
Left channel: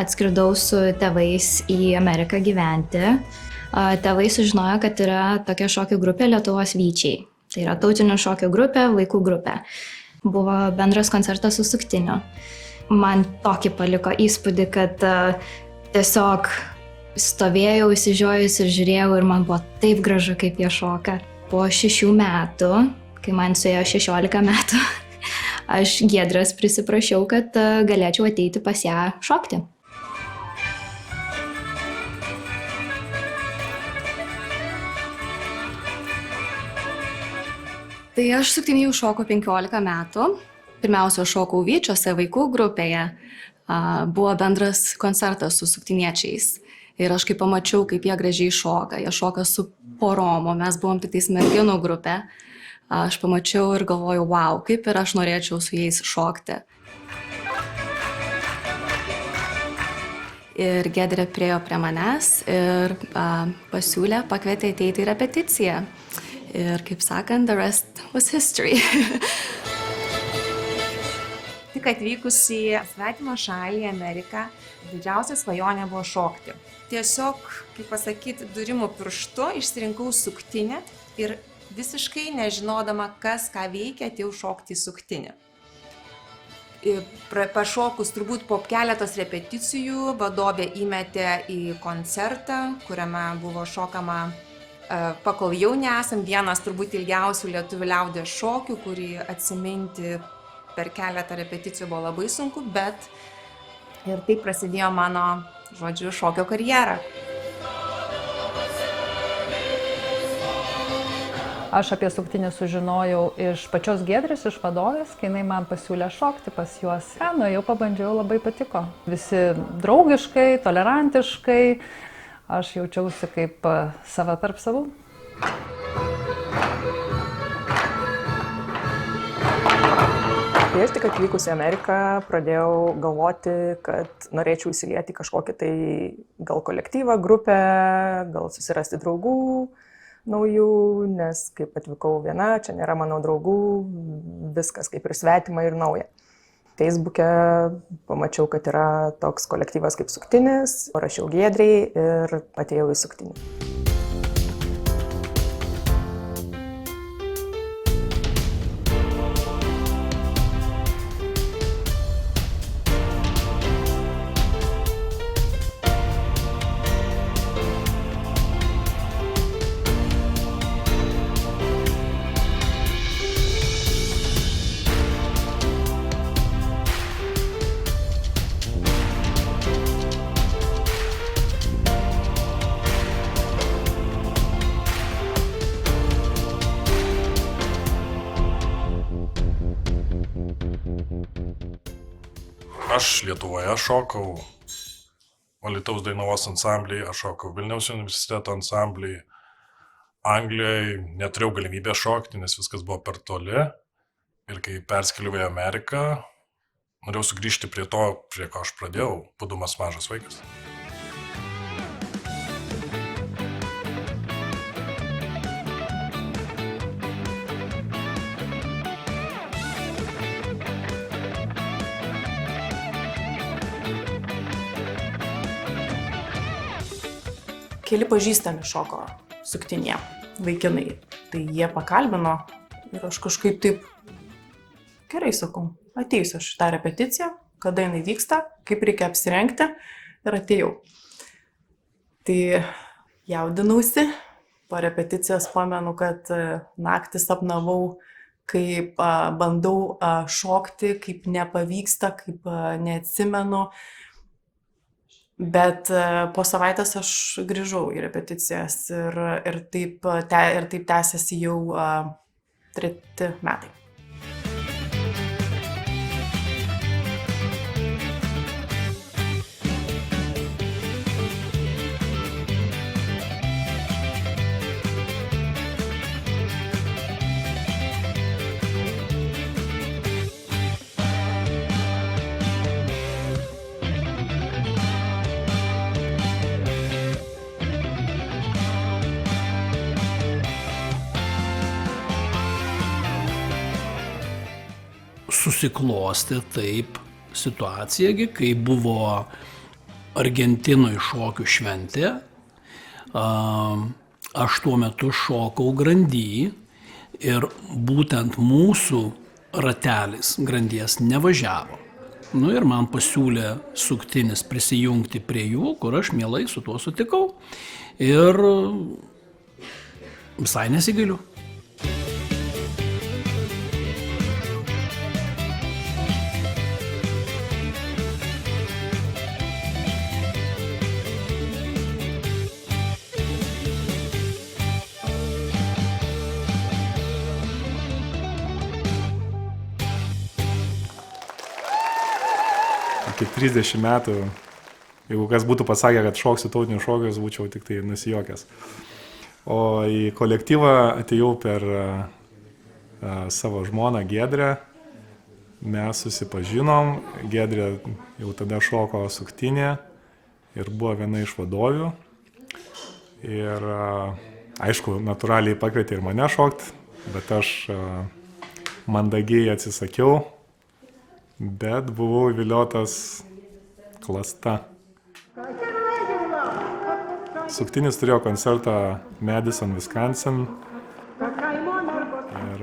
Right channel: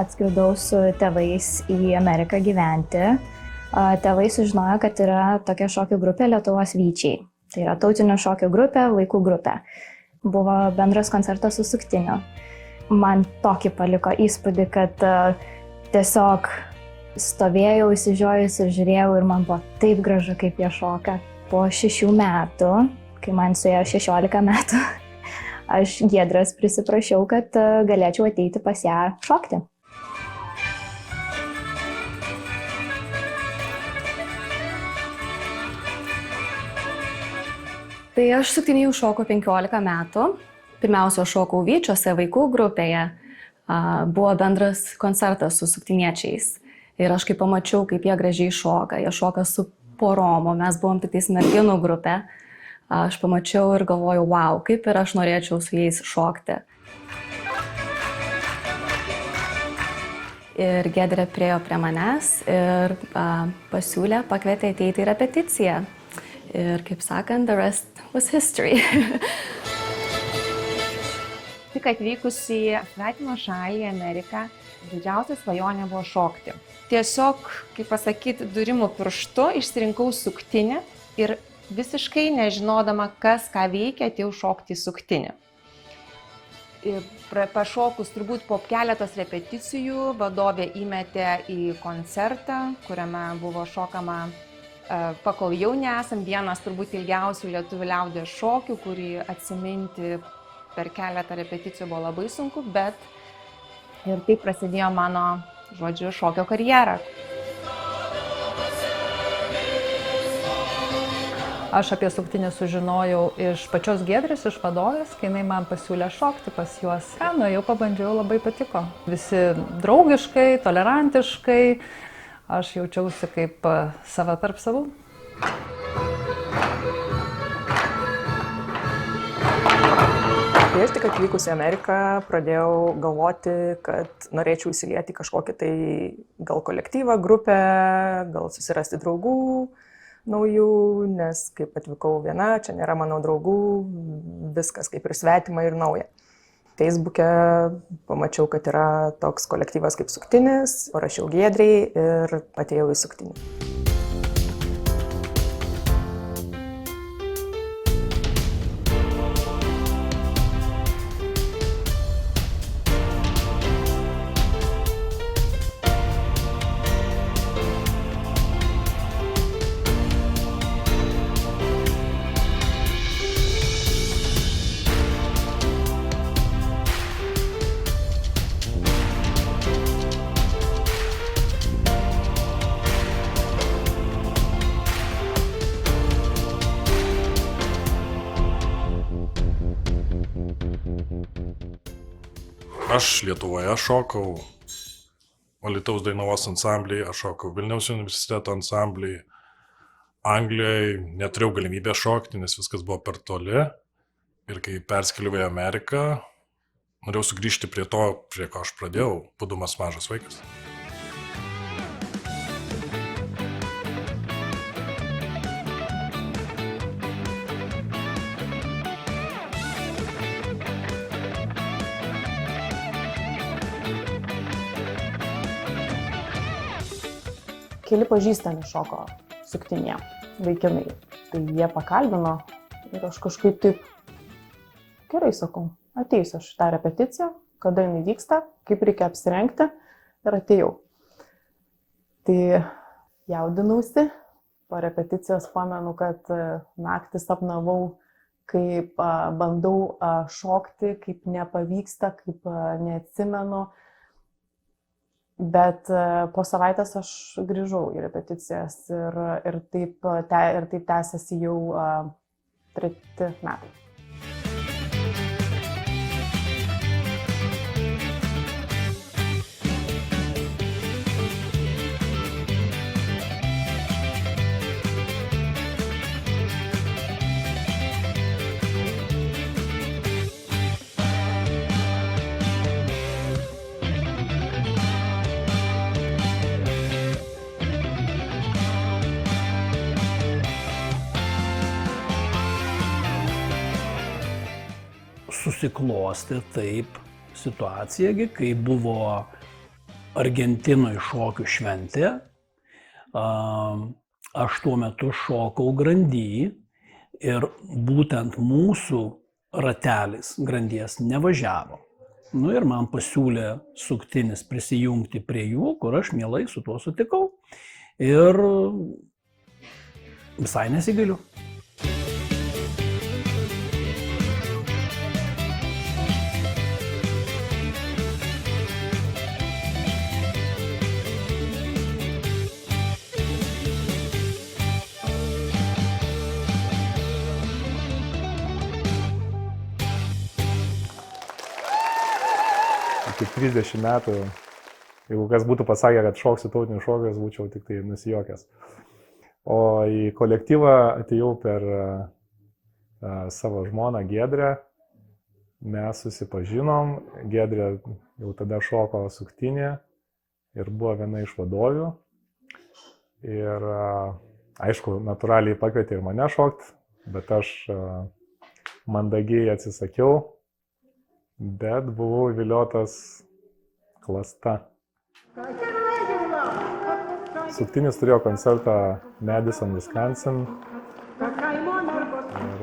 Atskridau su tėvais į Ameriką gyventi. Tėvai sužinojo, kad yra tokia šokių grupė Lietuvos Vyčiai. Tai yra tautinio šokio grupė, vaikų grupė. Buvo bendras koncertas su Suktiniu. Man tokį paliko įspūdį, kad tiesiog stovėjau, išsižiojus ir žiūrėjau ir man buvo taip gražu, kaip jie šoka. Po 6 metų, kai man suėjo 16 metų, aš Giedrės prisiprašiau, kad galėčiau ateiti pas ją šokti. Tai aš Suktiniai šokau 15 metų. Pirmiausia, šokau Vyčiuose vaikų grupėje. Buvo bendras koncertas su suktiniečiais. Ir aš kai pamačiau, kaip jie gražiai šoka. Jie šoka su porom, o mes buvom tik tais merginų grupė. Aš pamačiau ir galvojau, wow, kaip ir aš norėčiau su jais šokti. Ir Giedrė priėjo prie manęs ir pasiūlė, pakvietė ateiti į repeticiją. Ir kaip sakant, the rest was history. Tik atvykus į svetimą šalį, Ameriką, didžiausia svajonė buvo šokti. Tiesiog, kaip pasakyti, durimų pirštu išsirinkau suktinį ir visiškai nežinodama, kas ką veikia, atėjau šokti į suktinį. Pašokus turbūt po keletos repeticijų vadovė įmetė į koncertą, kuriame buvo šokama Pakol jauni esam, vienas turbūt ilgiausių lietuvių liaudies šokių, kurį atsiminti per keletą repeticijų buvo labai sunku, bet ir taip prasidėjo mano, šokio karjera. Aš apie Suktinį sužinojau iš pačios Giedrės, iš vadovės, kai jinai man pasiūlė šokti pas juos. Nuėjau, pabandžiau, labai patiko. Visi draugiškai, tolerantiškai. Aš jaučiausi kaip sava tarp savų. Kai aš tik atvykus į Ameriką, pradėjau galvoti, kad norėčiau įsilieti kažkokį tai gal kolektyvą, grupę, gal susirasti draugų naujų, nes kaip atvykau viena, čia nėra mano draugų, viskas kaip ir svetima ir nauja. Facebook'e pamačiau, kad yra toks kolektyvas kaip Suktinis, parašiau Giedrei ir atėjau į Suktinį. Aš Lietuvoje šokau Alytaus Dainavos ansamblyje, aš šokau Vilniaus universiteto ansamblyje. Anglijoje neturėjau galimybę šokti, nes viskas buvo per toli. Ir kai perskeliau į Ameriką, norėjau sugrįžti prie to, prie ko aš pradėjau, būdamas mažas vaikas. Keli pažįstami šoko suktinėje, vaikinai. Tai jie pakalbino ir aš kažkaip taip, gerai sakau, ateisiu aš tą repeticiją, kada jinai vyksta, kaip reikia apsirengti ir atėjau. Tai jaudinausi, po repeticijos pamenu, kad naktį sapnavau, kaip bandau šokti, kaip nepavyksta, kaip neatsimenu. Bet po savaitės aš grįžau į repeticijas ir taip tęsiasi jau 3 metai. Susiklosti taip situacija, kai buvo Argentinoje šokių šventė. Aš tuo metu šokau grandy ir būtent mūsų ratelis grandies nevažiavo. Nu ir man pasiūlė suktinis prisijungti prie jų, kur aš mielai su tuo sutikau ir visai nesigailiu. Kaip 30 metų, jeigu kas būtų pasakę, kad šoksiu tautinius šokius, būčiau tik tai nusijokęs. O į kolektyvą atėjau per savo žmoną Giedrę. Mes susipažinom, Giedrė jau tada šoko suktinė ir buvo viena iš vadovių. Ir aišku, natūraliai pakvietė ir mane šokti, bet aš mandagiai atsisakiau. Bet buvau įviliotas klasta. Suktinis turėjo koncertą Madison, Wisconsin. Ir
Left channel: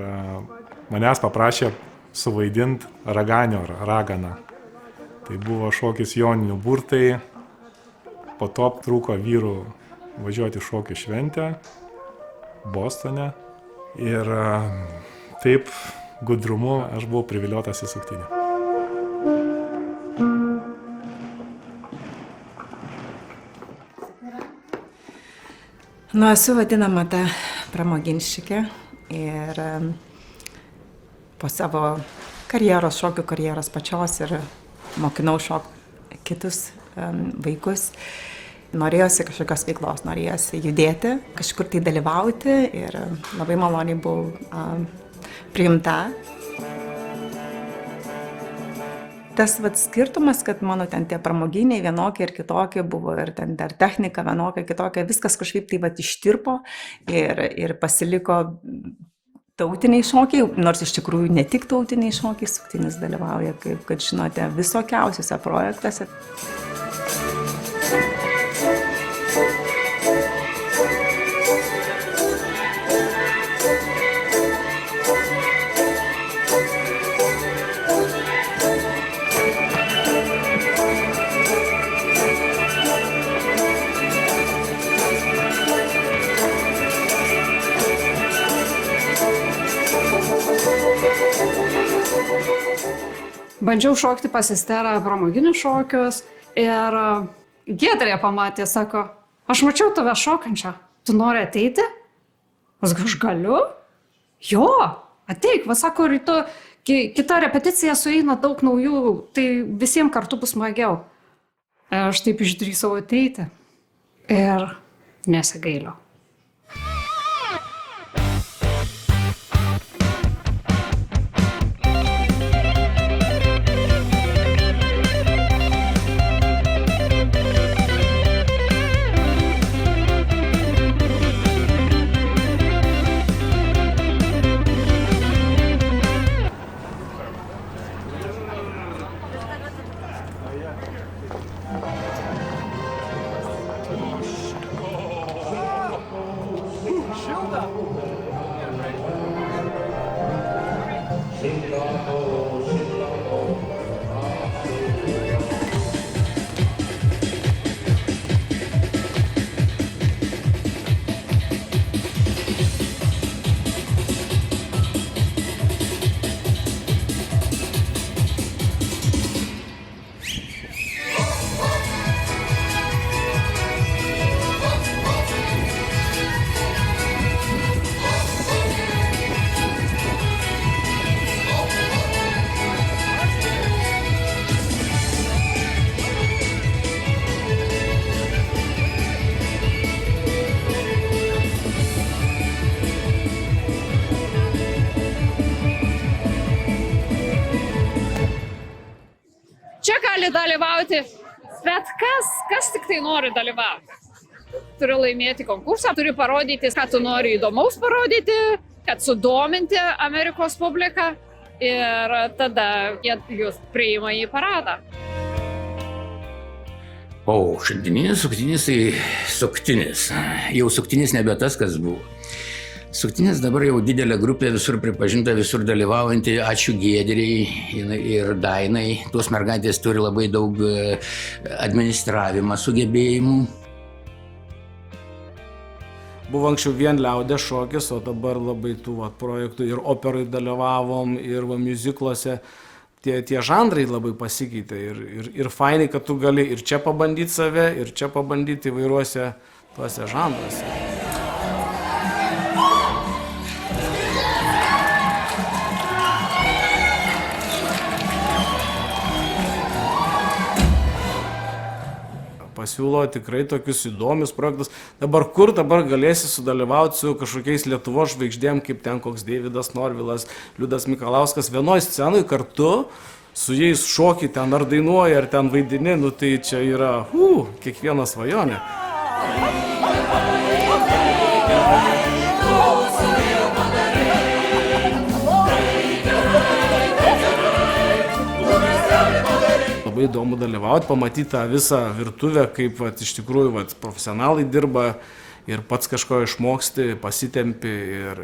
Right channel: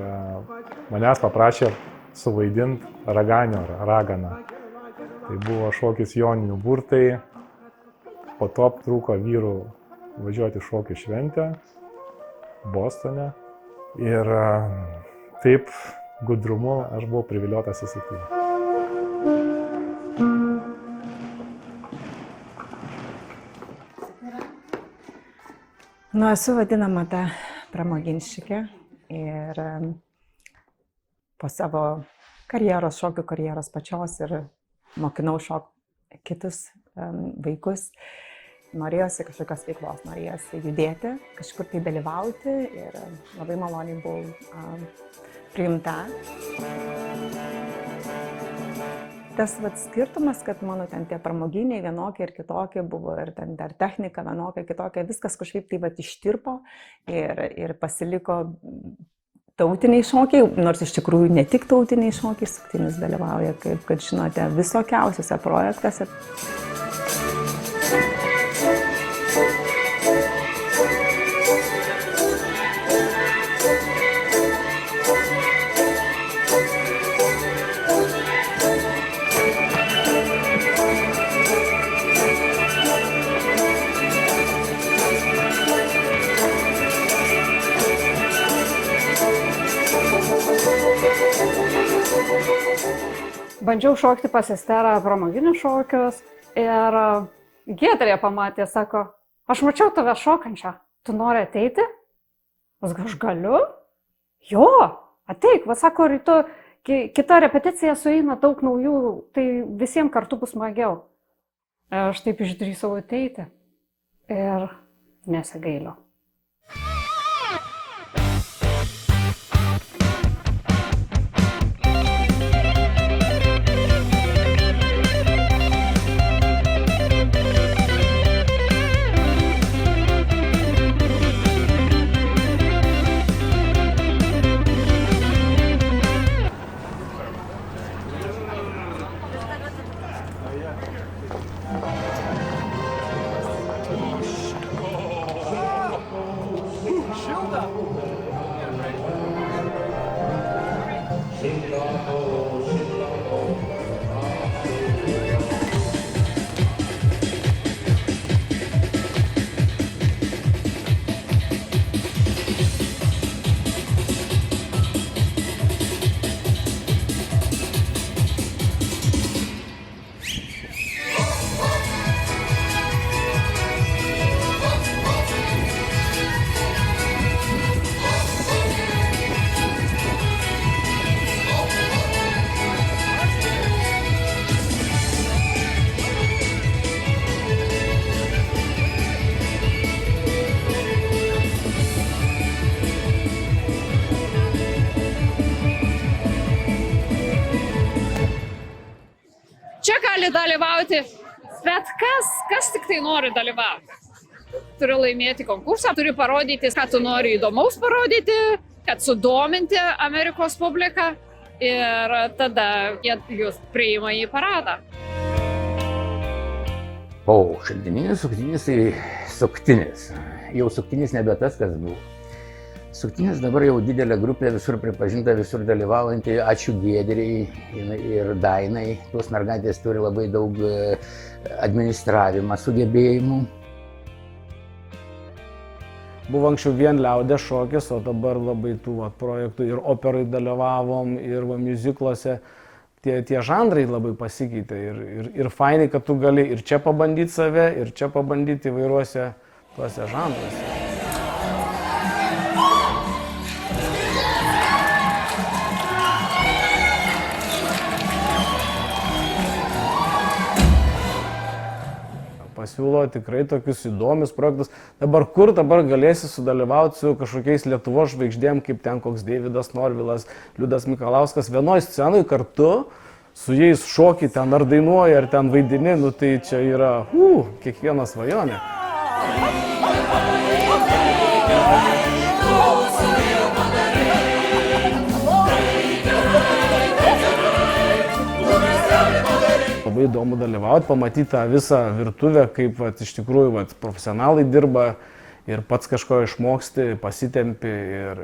manęs paprašė suvaidinti raganių ar raganą. Tai buvo šokis Joninių burtai. Po to trūko vyrų važiuoti šokių šventę Bostone. Ir taip gudrumu aš buvau priviliotas į suktinį. Nu, esu vadinama ta pramoginščikė ir po savo karjeros, šokių karjeros pačios ir mokinau šokti kitus vaikus. Norėjosi kažkokios veiklos, norėjosi judėti, kažkur tai dalyvauti ir labai maloniai buvau priimta. Tas skirtumas, kad mano ten tie pramoginiai vienokie ir kitokie buvo ir ten dar technika vienokia, kitokia, viskas kažkaip tai ištirpo ir pasiliko tautiniai šokiai, nors iš tikrųjų ne tik tautiniai šokiai, suktinis dalyvauja, kaip, kad žinote, visokiausiuose projektuose. Bandžiau šokti pas Esterą pramoginius šokius ir Giedrė pamatė, sako, aš mačiau tave šokančią, tu nori ateiti? Aš galiu? Jo, ateik, va sako, rytu kita repeticija sueina daug naujų, tai visiems kartu bus smagiau. Aš taip išdrįsau ateiti ir nesigailiu. Čia gali dalyvauti bet kas tik tai nori dalyvauti. Turi laimėti konkursą, turi parodyti, ką tu nori įdomaus parodyti, kad sudominti Amerikos publiką ir tada jie jūs priima į paradą. O šaltininis suktinis tai suktinis. Jau suktinis nebe tas, kas buvo. Suktinis dabar jau didelė grupė, visur pripažinta, visur dalyvaujanti. Ačiū Giedrei ir Dainai. Tos mergaitės turi labai daug administravimą sugebėjimų. Buvo anksčiau vien liaudės šokis, o dabar labai tų projektų ir operai dalyvavom, ir muzikluose. Tie žanrai labai pasikeitė ir fainai, kad tu gali ir čia pabandyti save, ir čia pabandyti įvairiuose tuose žanruose. Pasiūlo tikrai tokius įdomius projektus. Dabar galėsi sudalyvauti su kažkokiais Lietuvos žvaigždėm, kaip ten koks Deividas Norvilas, Liudas Mikalauskas, vienoj scenoj kartu, su jais šoki ten ar dainuoji, ar ten vaidini, nu tai čia yra kiekvieno svajonė. Labai įdomu dalyvauti, pamatyti tą visą virtuvę, kaip iš tikrųjų profesionalai dirba ir pats kažko išmoksti, pasitempi ir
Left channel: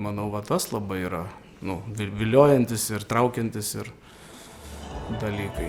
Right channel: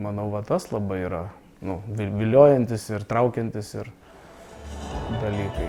manau, tas labai yra viliojantis ir traukiantis ir dalykai.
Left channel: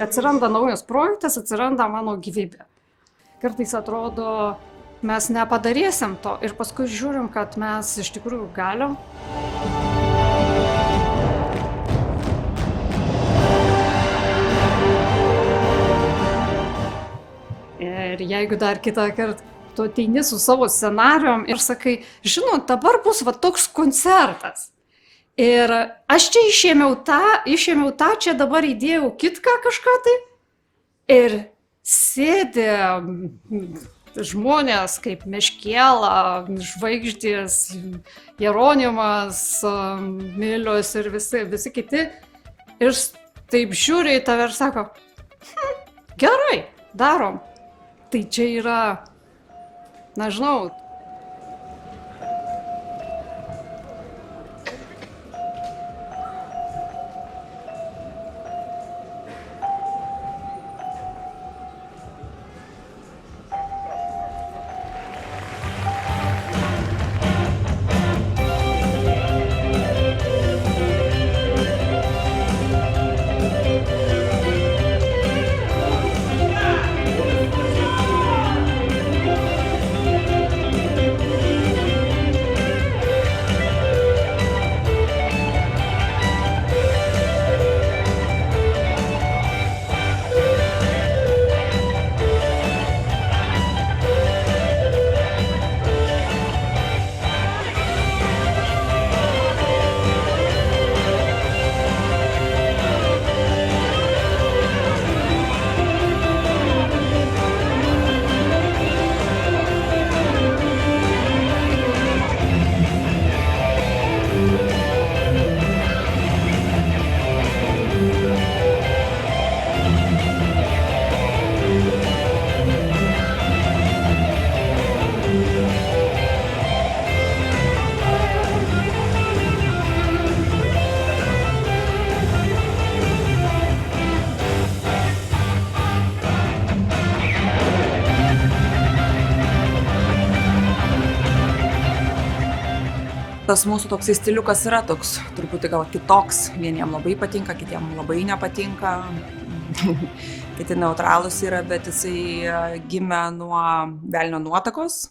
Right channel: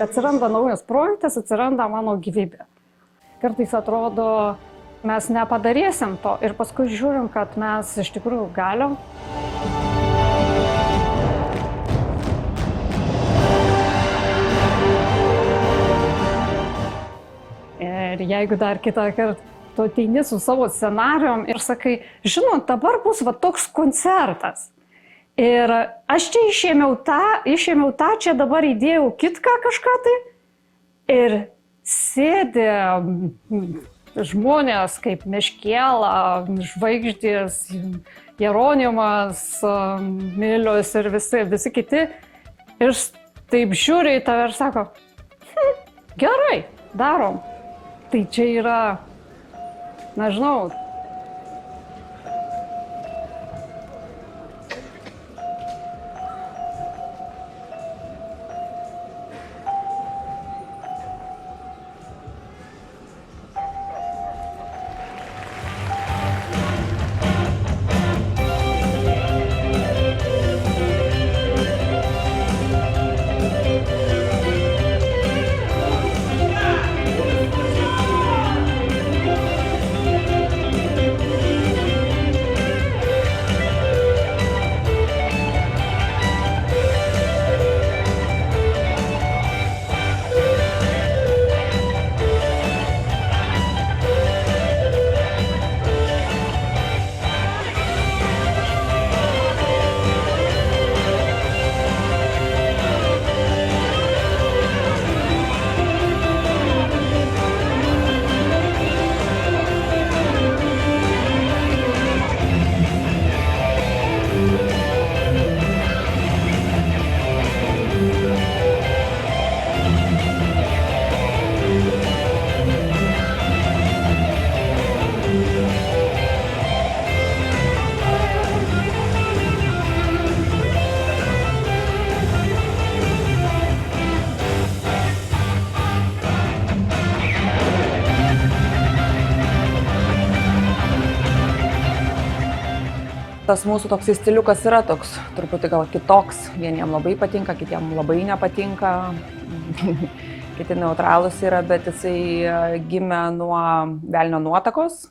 Atsiranda naujas projektas, atsiranda mano gyvybė. Kartais atrodo, mes nepadarysim to ir paskui žiūrim, kad mes iš tikrųjų galim. Ir jeigu dar kitą kartą tu ateini su savo scenarijum ir sakai, žinot, dabar bus toks koncertas. Ir aš čia išėmiau tą, čia dabar įdėjau kitką kažką tai. Ir sėdi žmonės kaip Meškėla, Žvaigždės, Jeronimas, Milius ir visi kiti. Ir taip žiūri į tave ir sako, gerai, darom. Tai čia yra, nežinau, tas mūsų toksai stiliukas yra toks truputį gal kitoks. Vieniem labai patinka, kitiem labai nepatinka. Kiti neutralūs yra, bet jisai gimė nuo Velnio nuotakos.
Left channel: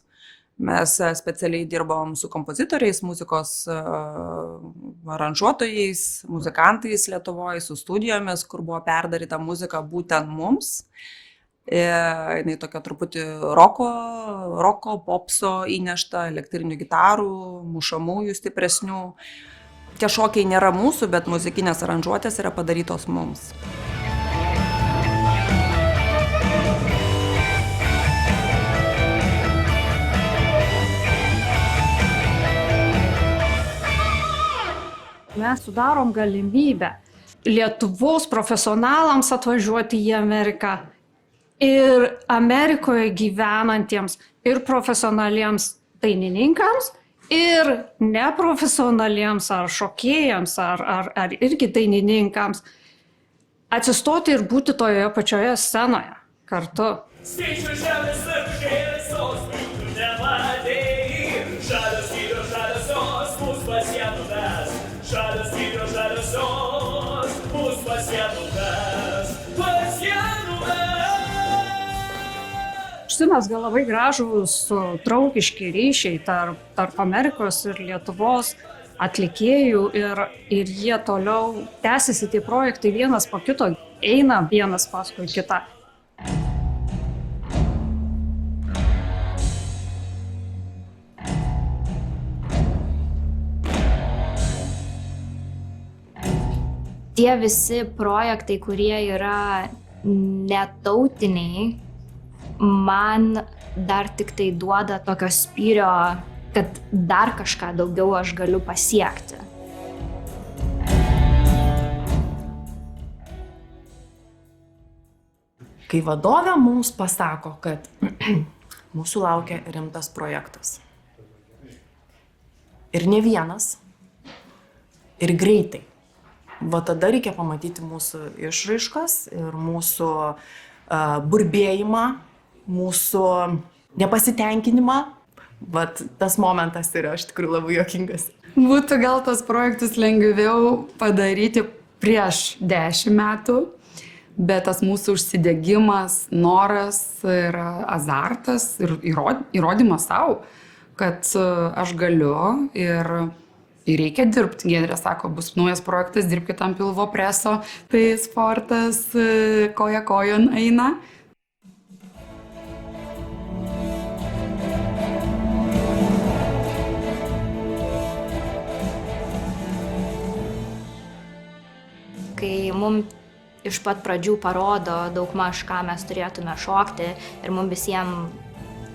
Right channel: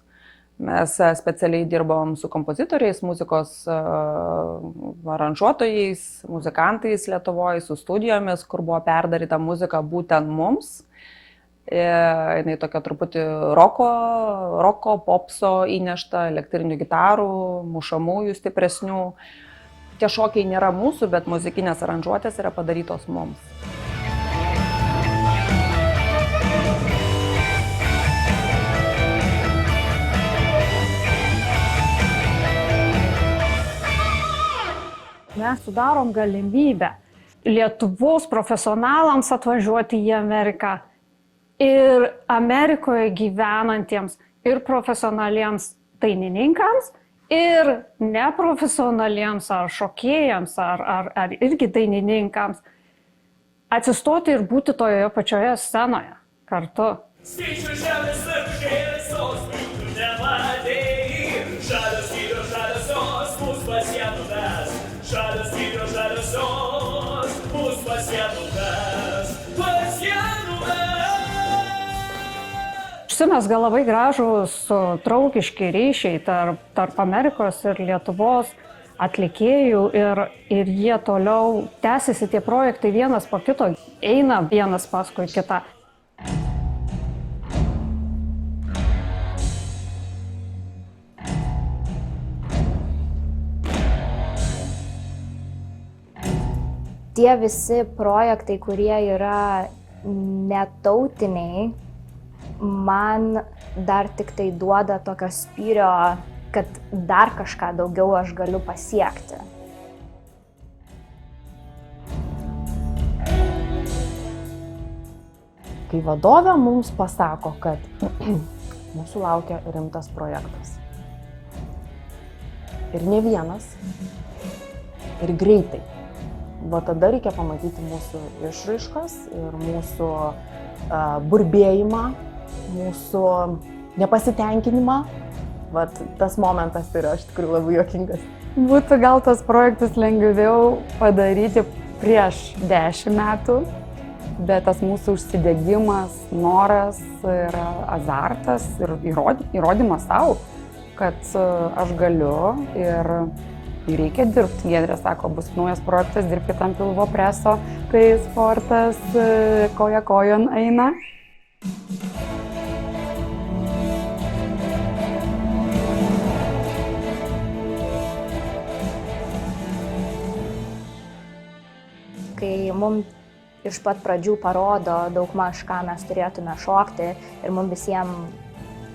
Mes specialiai dirbom su kompozitoriais, muzikos aranžuotojais, muzikantais Lietuvoje, su studijomis, kur buvo perdaryta muzika būtent mums. Jinai tokia truputį roko, popso įnešta, elektrinių gitarų, mušamųjų stipresnių. Tie šokiai nėra mūsų, bet muzikinės aranžuotės yra padarytos mums. Mes sudarom galimybę Lietuvos profesionalams atvažiuoti į Ameriką ir Amerikoje gyvenantiems ir profesionaliems dainininkams, ir neprofesionaliems ar šokėjams, ar irgi dainininkams atsistoti ir būti toje pačioje scenoje kartu. Skaičių žemės apžėsos, būtų nematėjai, žalios vyros, žaliosios, mūs pasienų mes. Žalios vyros, žaliosios, mūs pasienų mes. Pasienų mes. Užsimezga labai gražūs draugiški ryšiai tarp Amerikos ir Lietuvos atlikėjų ir jie toliau tęsiasi tie projektai vienas po kito, eina vienas paskui kitą. Tie visi projektai, kurie yra netautiniai, man dar tik tai duoda tokio spyrio, kad dar kažką daugiau aš galiu pasiekti. Kai vadovė mums pasako, kad mūsų laukia rimtas projektas. Ir ne vienas, ir greitai. Va tada reikia pamatyti mūsų išraiškas ir mūsų burbėjimą, mūsų nepasitenkinimą. Vat tas momentas yra iš tikrųjų labai juokingas. Būtų gal tos projektus lengviau padaryti prieš 10 metų, bet tas mūsų užsidegimas, noras ir azartas ir įrodymas savo, kad aš galiu ir reikia dirbti. Giedrė sako, bus naujas projektas, dirbkit ant pilvo preso, tai sportas koja kojon eina. Kai mums iš pat pradžių parodo daugmaž, ką mes turėtume šokti ir mums visiems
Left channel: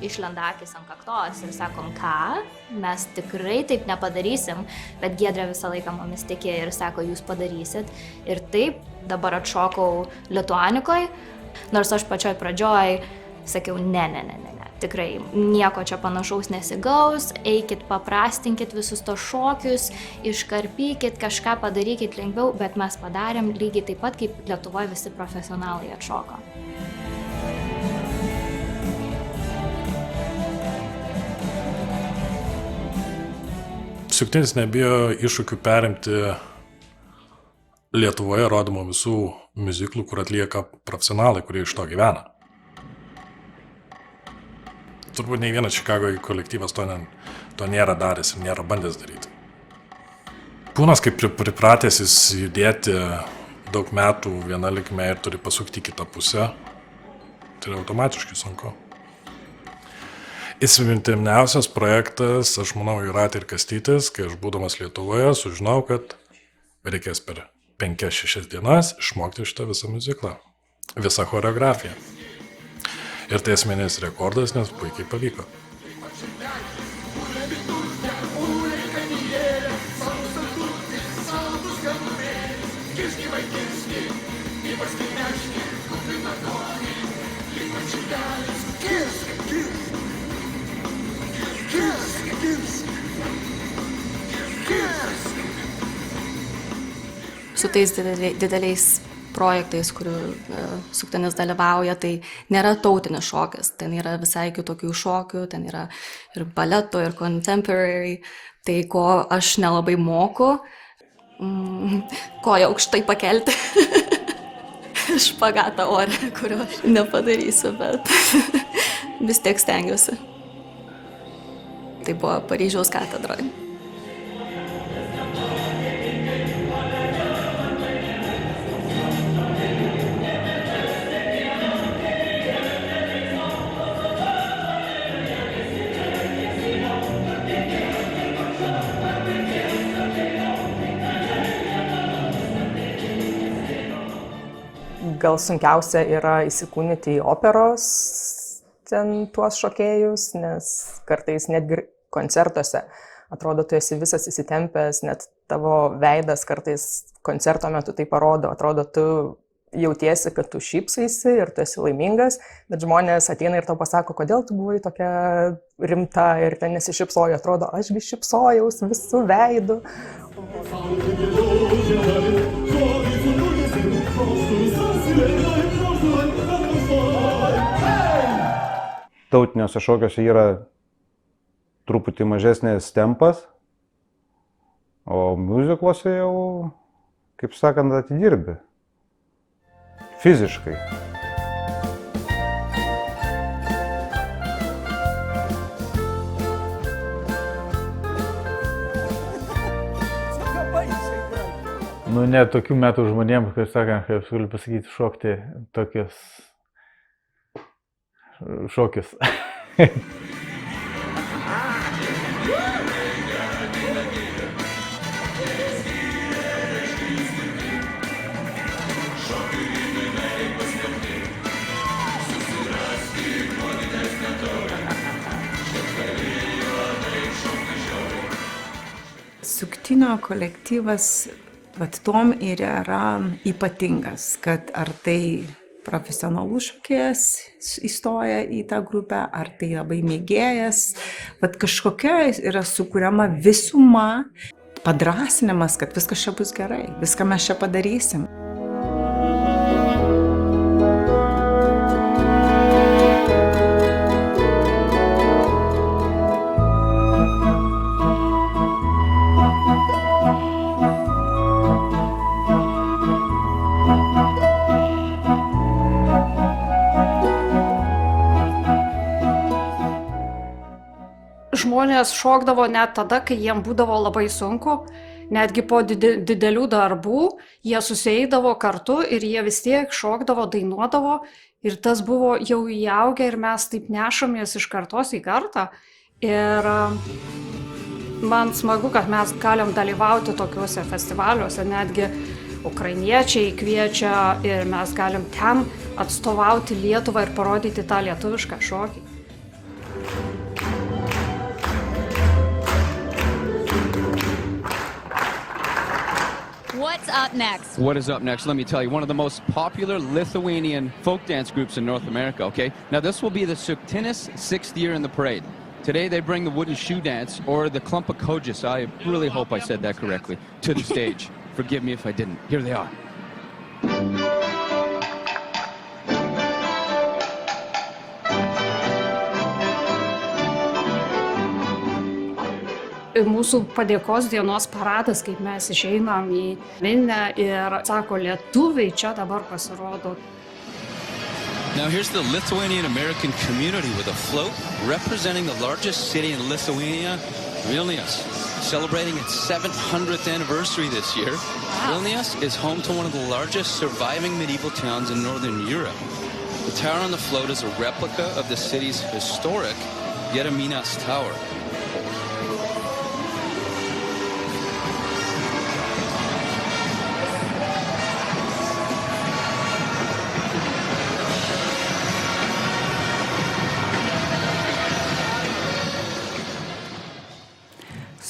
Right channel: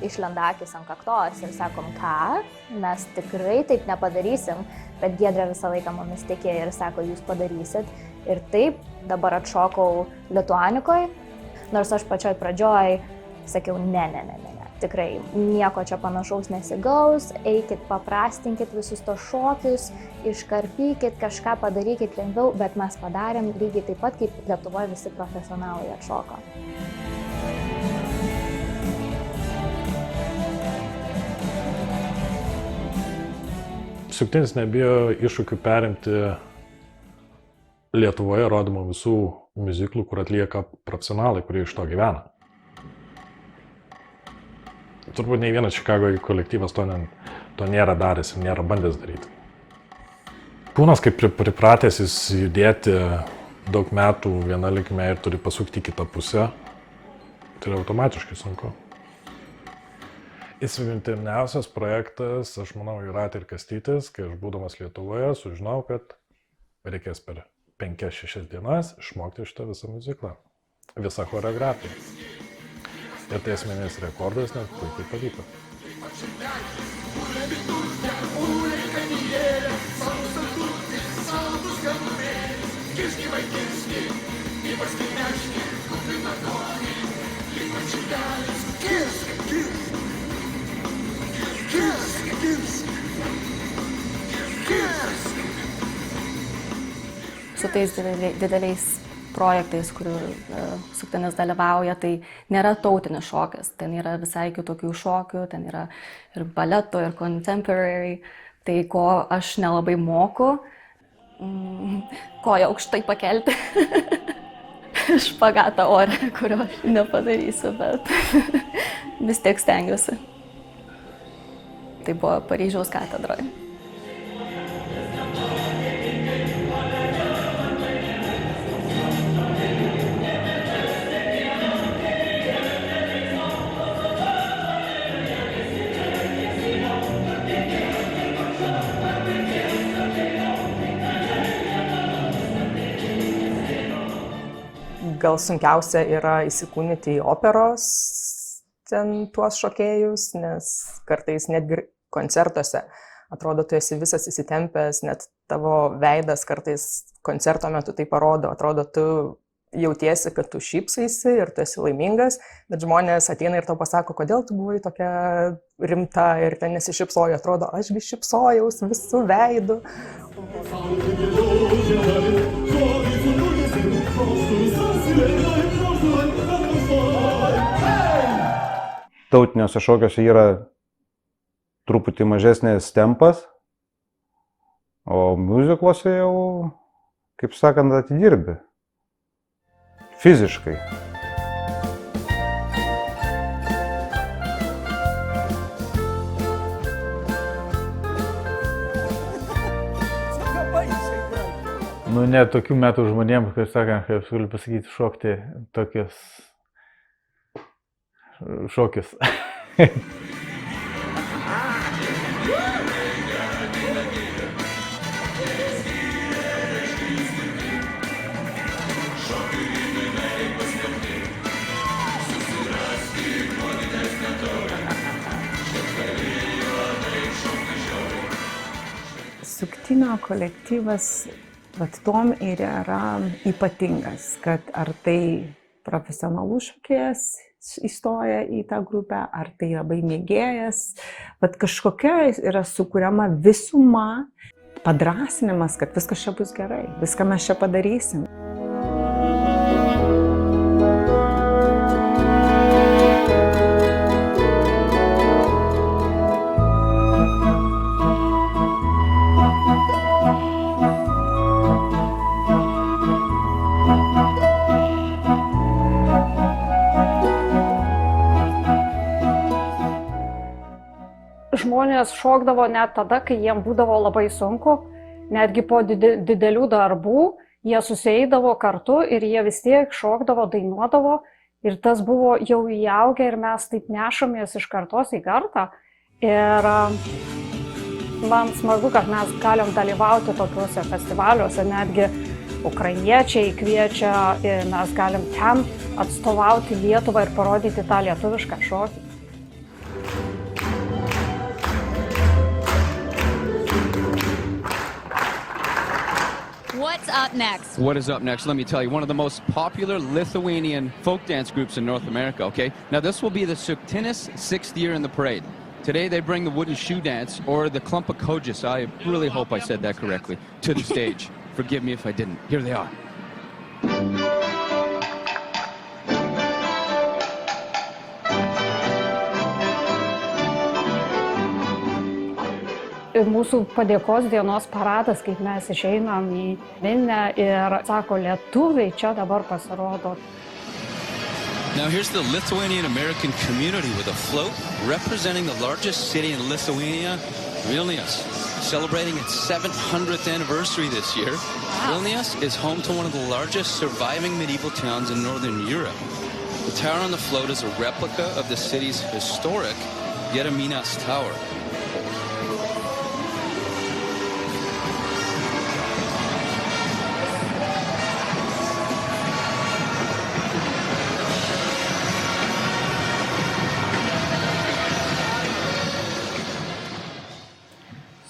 išlenda akis ant kaktos ir sakom, ką, mes tikrai taip nepadarysim, bet Giedrė visą laiką mumis tikėjo ir sako, jūs padarysit. Ir taip, dabar atšokau Lituanikoj, nors aš pačioj pradžioj sakiau, ne, tikrai nieko čia panašaus nesigaus, eikit, paprastinkit visus tos šokius, iškarpykit, kažką padarykit lengviau, bet mes padarėm lygiai taip pat, kaip Lietuvoje visi profesionalai atšoko. Suktinis nebijo iššūkių perimti Lietuvoje rodomų visų miuziklų, kur atlieka profesionalai, kurie iš to gyvena. Turbūt nei vienas Čikagoje kolektyvas to nėra daręs ir nėra bandęs daryti. Kūnas, kaip pripratęs jis judėti daug metų viena linkme ir turi pasukti kitą pusę, tai yra automatiškai sunku. Įsimintiniausias projektas, aš manau, Jūratė ir Kastytis, kai aš būdamas Lietuvoje, sužinau, kad reikės per 5-6 dienas išmokti šitą visą miuziklą, visą choreografiją. Ir tai esminis rekordas, nes puikiai pavyko. Su tais dideliais projektais, kurių Suktinis dalyvauja, tai nėra tautinis šokis, ten yra visai kitokių šokių, ten yra ir baleto, ir contemporary, tai ko aš nelabai moku, koją aukštai pakelti. Špagatą ore, kurio aš nepadarysiu, bet vis tiek stengiuosi. Tai buvo Paryžiaus katedra. Gal sunkiausia yra įsikūnyti į operos ten tuos šokėjus, nes kartais netgi koncertuose atrodo, tu esi visas įsitempęs, net tavo veidas kartais koncerto metu tai parodo, atrodo, tu jautiesi, kad tu šypsaisi ir tu esi laimingas, bet žmonės ateina ir tau pasako, kodėl tu buvai tokia rimta ir ten nesišypsojo, atrodo, ašgi šypsojaus visų veidų. Tautiniuose šokiuose yra truputį mažesnės tempas, o miuzikluose jau, kaip sakant, atidirbi. Fiziškai. Nu, ne tokių metų žmonėms, kaip sakant, kaip galiu pasakyti, šokti tokius šokius. Suktinio kolektyvas vat tom ir yra ypatingas, kad ar tai profesionalus šokėjas įstoja į tą grupę, ar tai labai mėgėjas, vat kažkokia yra sukuriama visuma, padrasinimas, kad viskas čia bus gerai, viską mes čia padarysim. Žmonės šokdavo net tada, kai jiem būdavo labai sunku, netgi po didelių darbų, jie susieidavo kartu ir jie vis tiek šokdavo, dainuodavo ir tas buvo jau įaugę ir mes taip nešamės iš kartos į kartą. Ir man smagu, kad mes galim dalyvauti tokiuose festivaliuose, netgi ukrainiečiai kviečia ir mes galim ten atstovauti Lietuvą ir parodyti tą lietuvišką šokį. What's up next? What is up next? Let me tell you, one of the most popular Lithuanian folk dance groups in North America, okay? Now this will be the Suktinis 6th year in the parade. Today they bring the wooden shoe dance, or the Klumpakodžis, I really hope I said that correctly, to the stage. Forgive me if I didn't. Here they are. Mūsų padėkos dienos paradas, kaip mes išeinam į minią ir sako, lietuviai čia dabar pasirodo. Now here's the Lithuanian American community with a float representing the largest city in Lithuania, Vilnius, celebrating its 700th anniversary this year. Wow. Vilnius is home to one of the largest surviving medieval towns in Northern Europe. The tower on the float is a replica of the city's historic Gediminas Tower.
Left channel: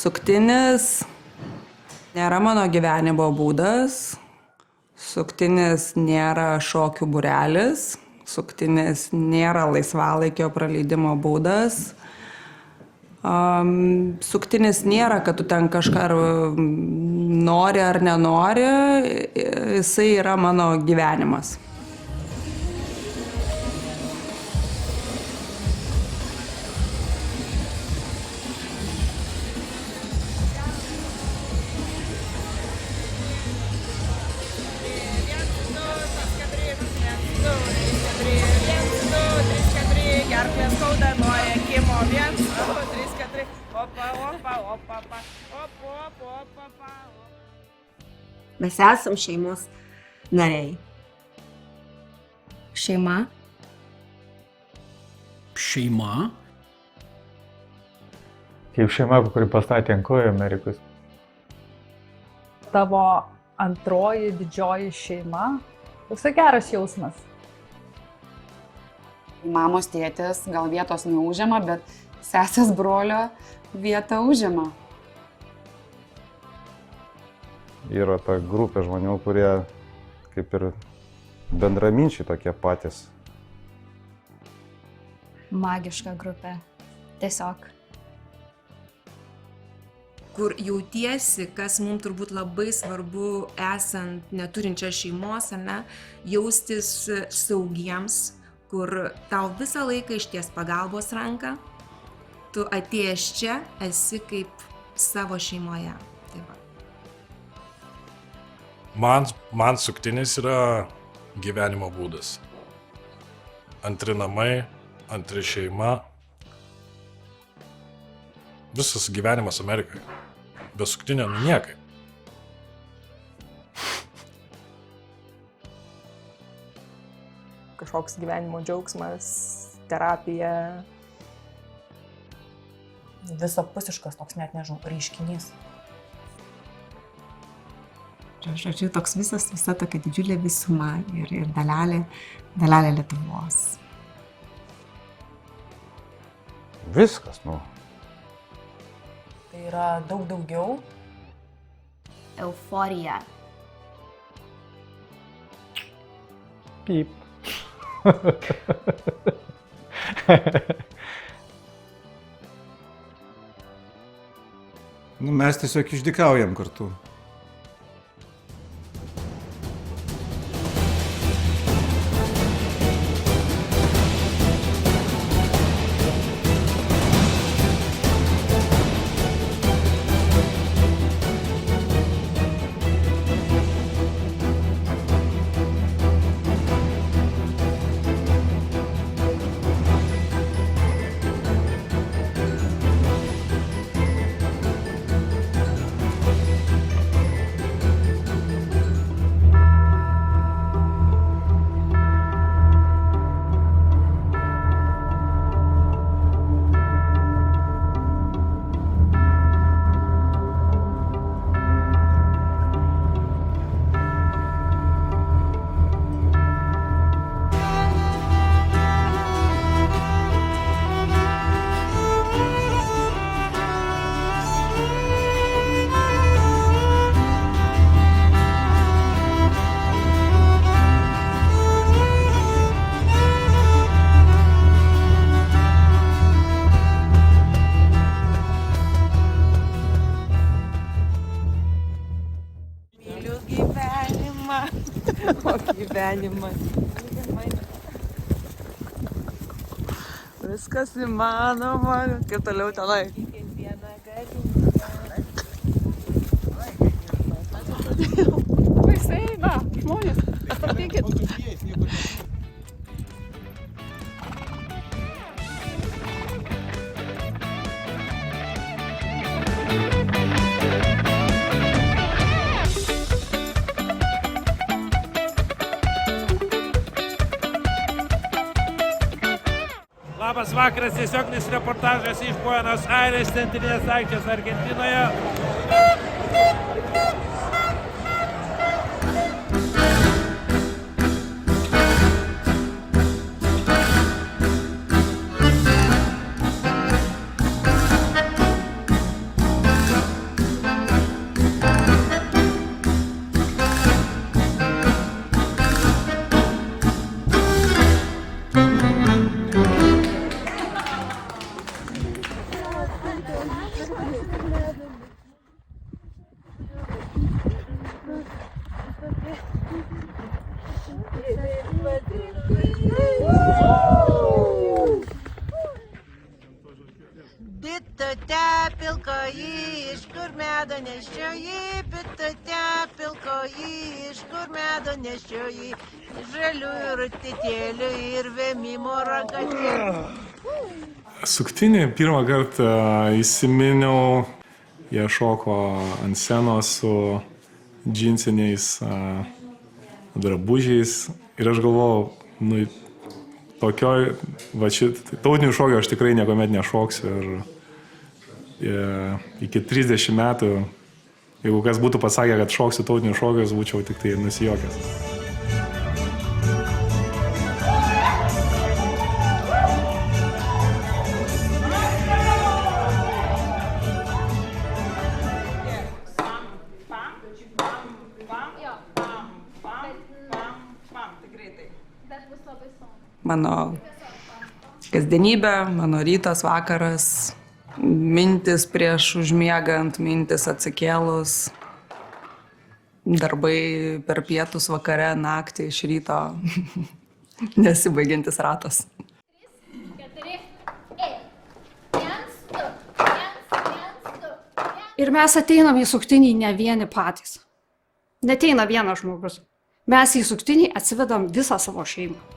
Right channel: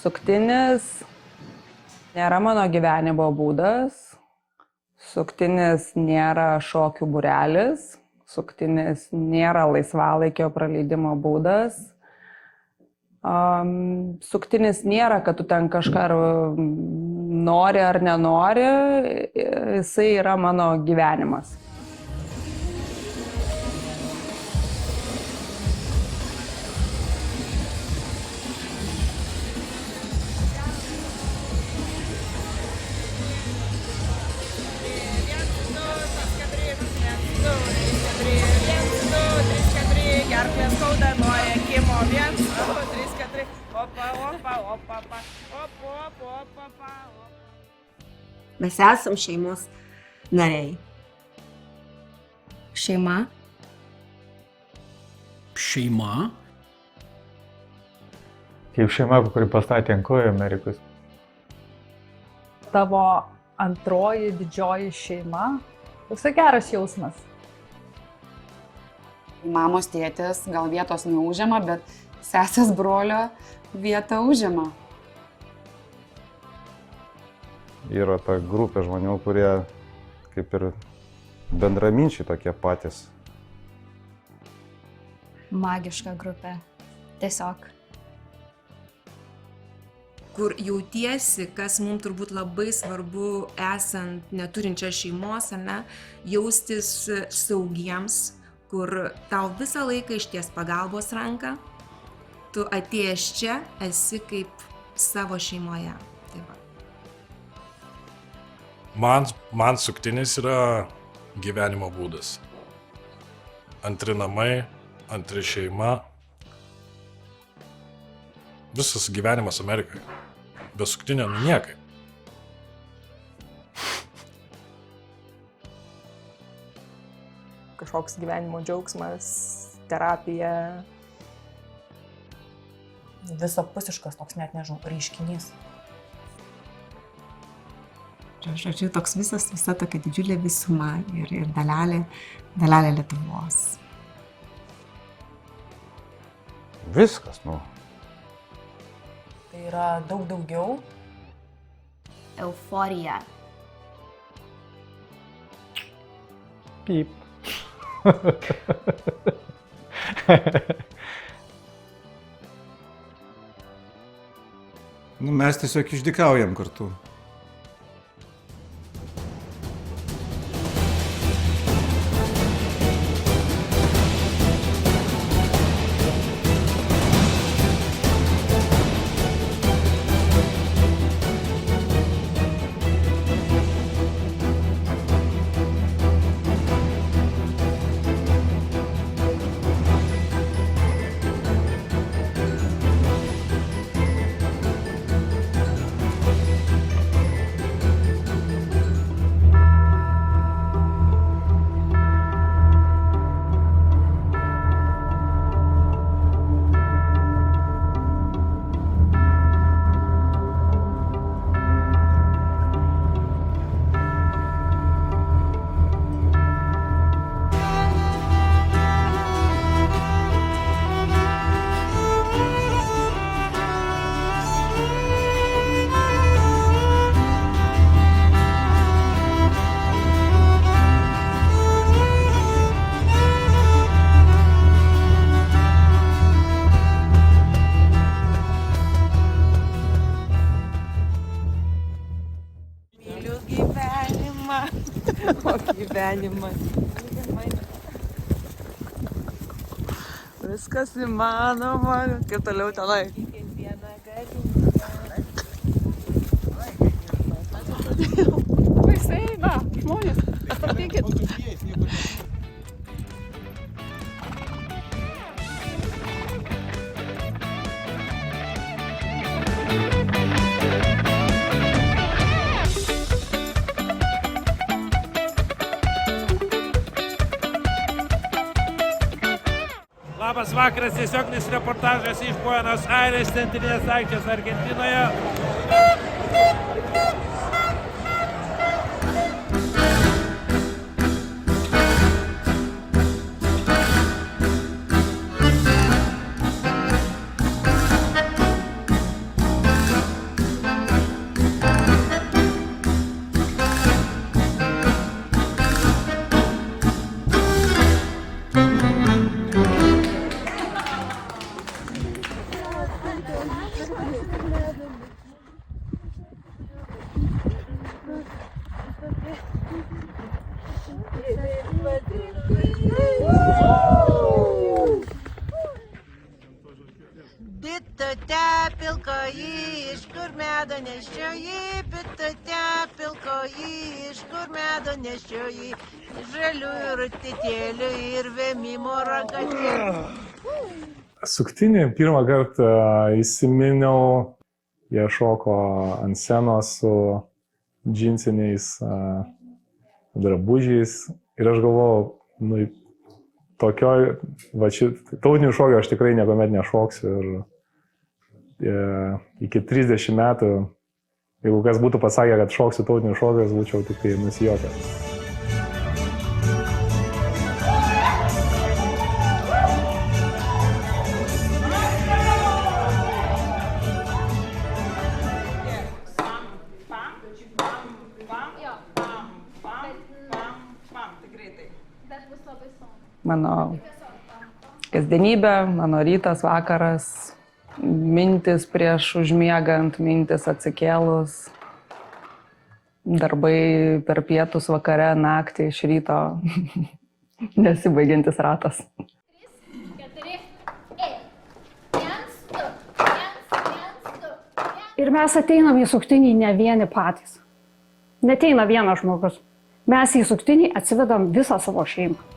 Suktinis nėra mano gyvenimo būdas, suktinis nėra šokių būrelis, suktinis nėra laisvalaikio praleidimo būdas. Suktinis nėra, kad tu ten kažką nori ar nenori, jisai yra mano gyvenimas. Gerklės skauda nuo ėkimo. 1, 2, 3, 4. Opa, opa, opa, opa, opa, opa, opa, opa. Mes esam šeimos nariai. Šeima. Šeima. Kaip šeima, kuri pastatė ant kojų Amerikos. Tavo antroji didžioji šeima. Toksai geras jausmas. Mamos tėtis gal vietos neužima, bet sesės brolio vietą užima. Yra ta grupė žmonių, kurie kaip ir bendraminčiai tokie patys. Magiška grupė. Tiesiog. Kur jautiesi, kas mums turbūt labai svarbu, esant neturinčia šeimos, ne, jaustis saugiems, kur tau visą laiką išties pagalbos ranką, tu atėjęs čia esi kaip savo šeimoje. Tai va. Man suktinis yra gyvenimo būdas. Antri namai, antri šeima. Visas gyvenimas Amerikai. Be suktinio niekai. Kažkoks gyvenimo džiaugsmas, terapija. Visapusiškas toks, net nežinau, reiškinys. Žodžiu, toks visa tokia didžiulė visuma ir dalelė Lietuvos. Viskas, nu. Tai yra daug daugiau. Euforija. Pyp. Nu, mes tiesiog išdykaujam kartu. Gyvenimas. Viskas įmanoma. Kaip toliau tenai? Vaisai, na, žmonės, atsarginkit. Labas vakaras, tiesioginis reportažas iš Buenos Aires, centrinės aikštės Argentinoje. Bitute pilkoji, iš kur medo nešioji, bitute pilkoji, iš kur medo nešioji, žaliųjų rutitėlių ir vėmimo ragatėlių. Suktinį pirmą kartą įsiminiau, jie šoko ant scenos su džinsiniais drabužiais ir aš galvojau, nu, tokioj, va tautinių šokių aš tikrai niekuomet nešoksiu ir iki 30 metų, jeigu kas būtų pasakę, kad šoksiu tautinių šokius, būčiau tik tai nusijuokęs. Mano kasdienybė, mano rytas, vakaras, mintis prieš užmiegant, mintis atsikėlus, darbai per pietus, vakare, naktį, iš ryto, nesibaigiantis ratas. Ir mes ateinam į suktinį ne vieni patys. Neteina vienas žmogus. Mes į suktinį atsivedam visą savo šeimą.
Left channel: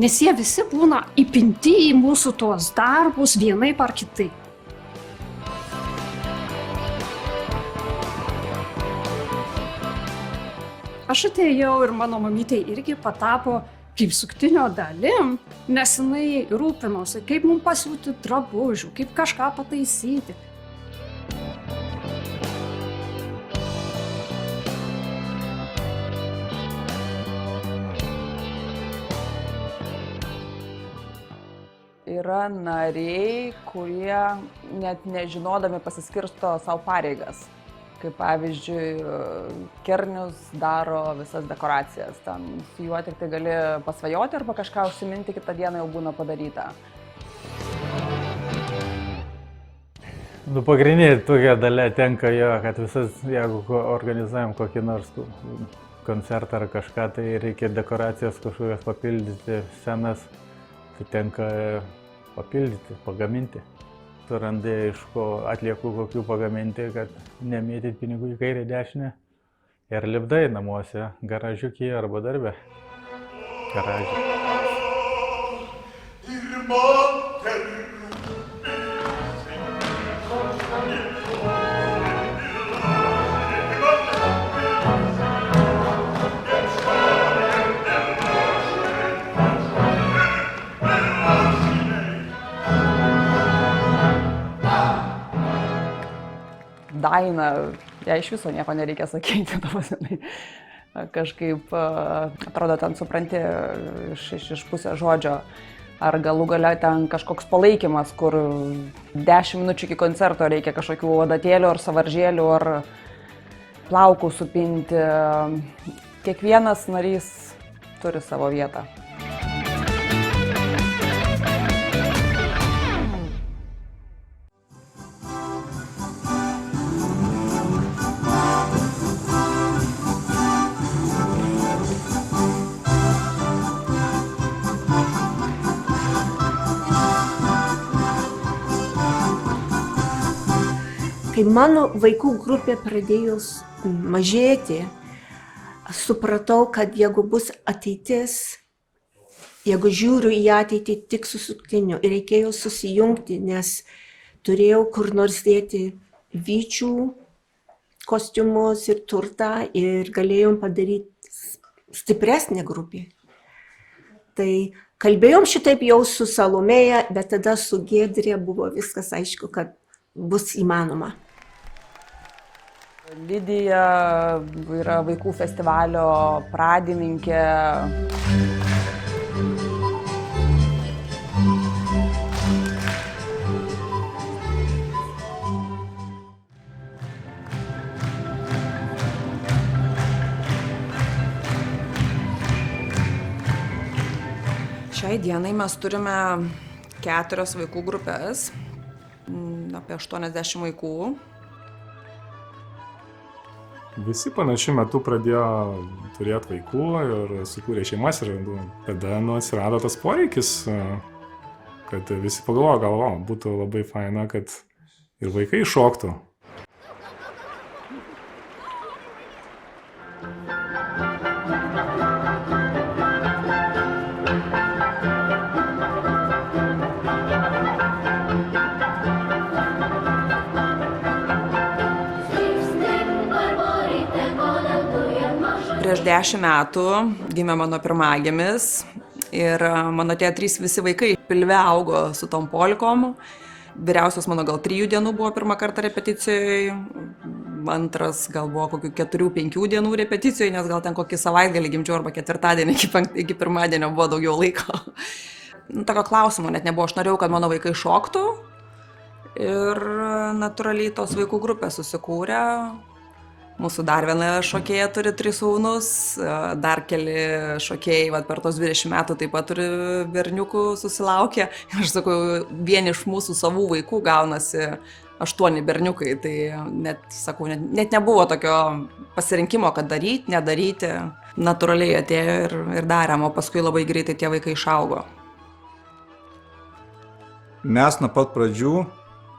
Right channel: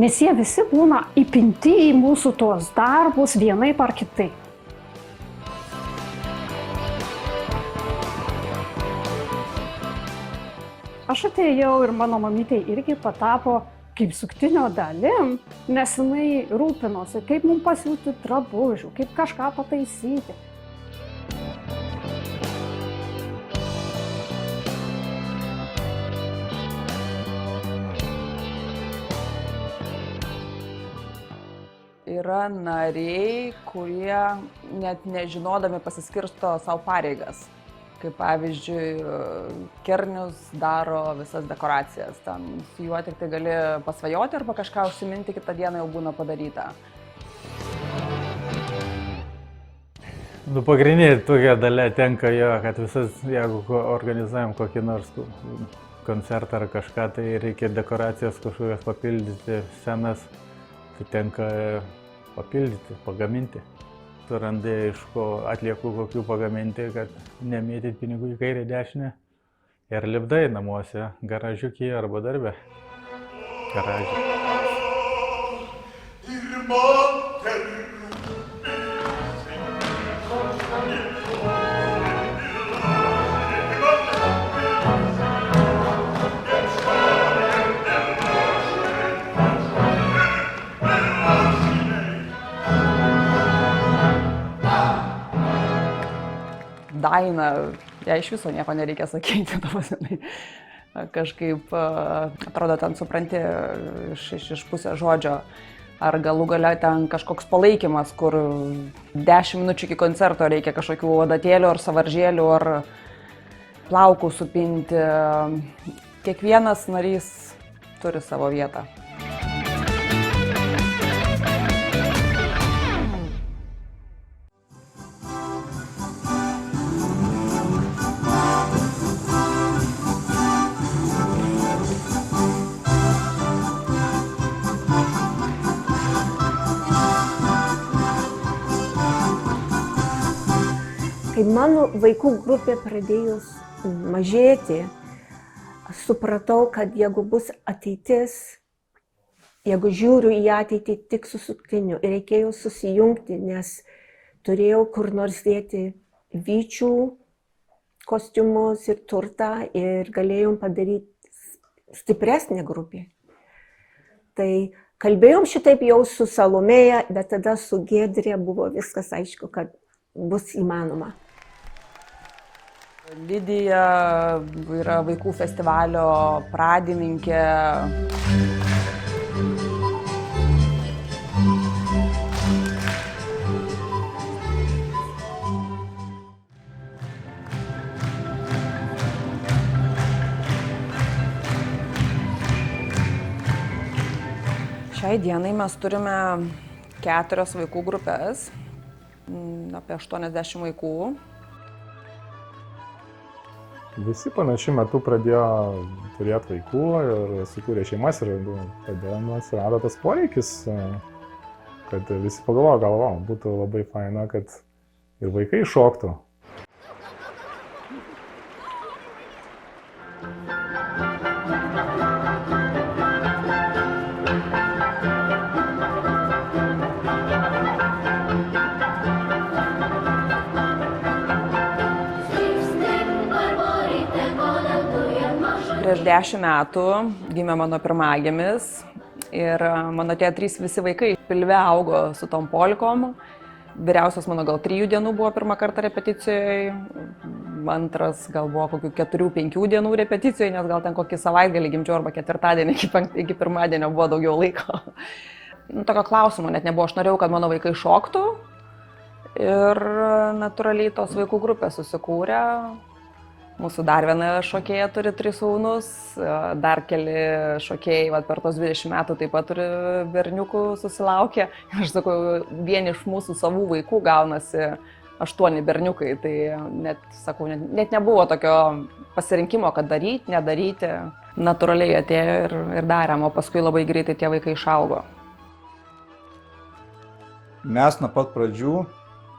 Nes jie visi būna įpinti į mūsų tuos darbus vienaip ar kitaip. Aš atėjau ir mano mamytė irgi patapo kaip suktinio dalim, nes jinai rūpinosi, kaip mums pasiūti drabužių, kaip kažką pataisyti. Yra nariai, kurie net nežinodami pasiskirsto savo pareigas. Kaip pavyzdžiui, Kernius daro visas dekoracijas. Ten su juo tik tai gali pasvajoti arba kažką užsiminti, kitą dieną jau būna padaryta. Nu, pagrindinė tokia dalia tenka jo, kad visas, jeigu organizuojam kokį nors koncertą ar kažką, tai reikia dekoracijas kažkokias papildyti, scenas, tai tenka papildyti, pagaminti. Surandai iš ko atliekų kokių pagaminti, kad nemėtyti pinigų į kairę dešinę. Ir lipdai namuose, garažiukyje arba darbe. Garažė. Daina, jai iš viso nieko nereikia sakyti, kažkaip atrodo, ten supranti iš pusės žodžio, ar galų gale ten kažkoks palaikymas, kur 10 minučių iki koncerto reikia kažkokių adatėlių ar savaržėlių ar plaukų supinti. Kiekvienas narys turi savo vietą. Mano vaikų grupė pradėjo mažėti, supratau, kad jeigu bus ateitis, jeigu žiūriu į ateitį tik su suktiniu, reikėjo susijungti, nes turėjau kur nors dėti vyčių kostiumus ir turtą ir galėjom padaryti stipresnę grupę. Tai kalbėjom šitaip jau su Salomėja, bet tada su Giedre buvo viskas aišku, kad bus įmanoma. Lidija yra vaikų festivalio pradininkė. Šiai dienai mes turime 4 vaikų grupės, apie 80 vaikų. Visi panašiu metu pradėjo turėti vaikų ir sukūrė šeimas ir tada atsirado tas poreikis, kad visi pagalvojo, būtų labai faina, kad ir vaikai šoktų. Prieš 10 metų gimė mano pirmagimis ir mano tie 3 visi vaikai pilve augo su tom polkom. Vyriausias mano gal 3 dienų buvo pirmą kartą repeticijoje, antras gal buvo kokių 4-5 dienų repeticijoje, nes gal ten kokį savaitgalį gimdžiau arba ketvirtadienį iki pirmadienio buvo daugiau laiko. Tokio klausimo net nebuvo, aš norėjau, kad mano vaikai šoktų ir natūraliai tos vaikų grupės susikūrė. Mūsų dar viena šokėja turi 3 sūnus, dar keli šokėjai per tos 20 metų taip pat turi berniukų susilaukė. Aš sakau, vien iš mūsų savų vaikų gaunasi 8 berniukai, tai net nebuvo tokio pasirinkimo, kad daryti, nedaryti. Natūraliai atėjo ir darėm, o paskui labai greitai tie vaikai išaugo. Mes nuo pat pradžių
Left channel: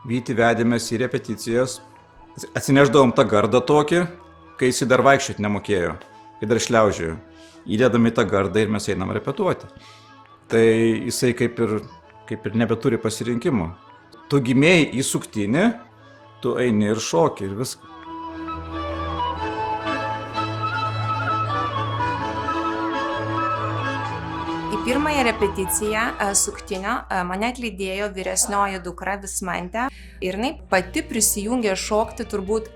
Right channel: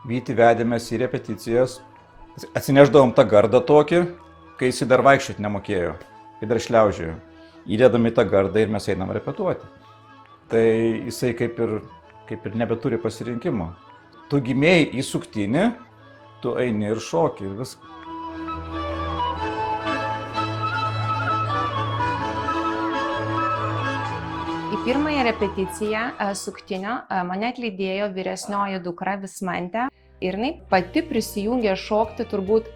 Vytį vedėmės į repeticijas. Atsineždavom tą gardą tokį, kai jis dar vaikščioti nemokėjo, kai dar šliaužėjo. Įdedam į tą gardą ir mes einam repetuoti. Tai jisai kaip ir nebeturi pasirinkimo. Tu gimėjai į suktinį, tu eini ir šoki ir viskas. Į pirmąją repeticiją suktinio mane atlydėjo vyresnioji dukra Vismantė ir jinai pati prisijungė šokti turbūt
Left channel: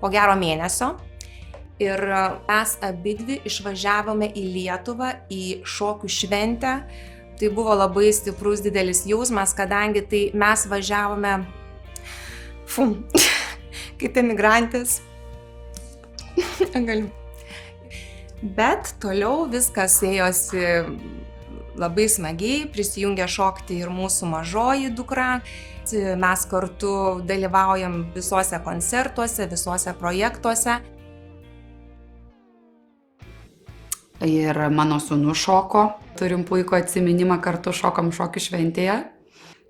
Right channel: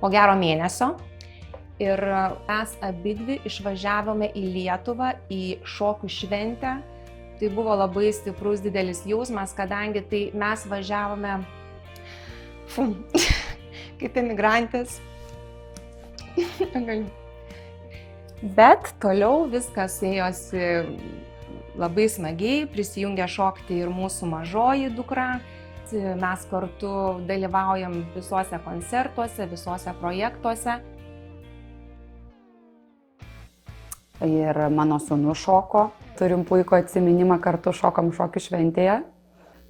po gero mėnesio. Ir mes abidvi išvažiavome į Lietuvą, į šokių šventę. Tai buvo labai stiprus, didelis jausmas, kadangi tai mes važiavome kaip emigrantės. Bet toliau viskas ėjosi labai smagiai, prisijungė šokti ir mūsų mažoji dukra. Mes kartu dalyvaujam visuose koncertuose, visuose projektuose. Ir mano sūnus šoko. Turim puikų atsiminimą, kartu šokom šokių šventėje.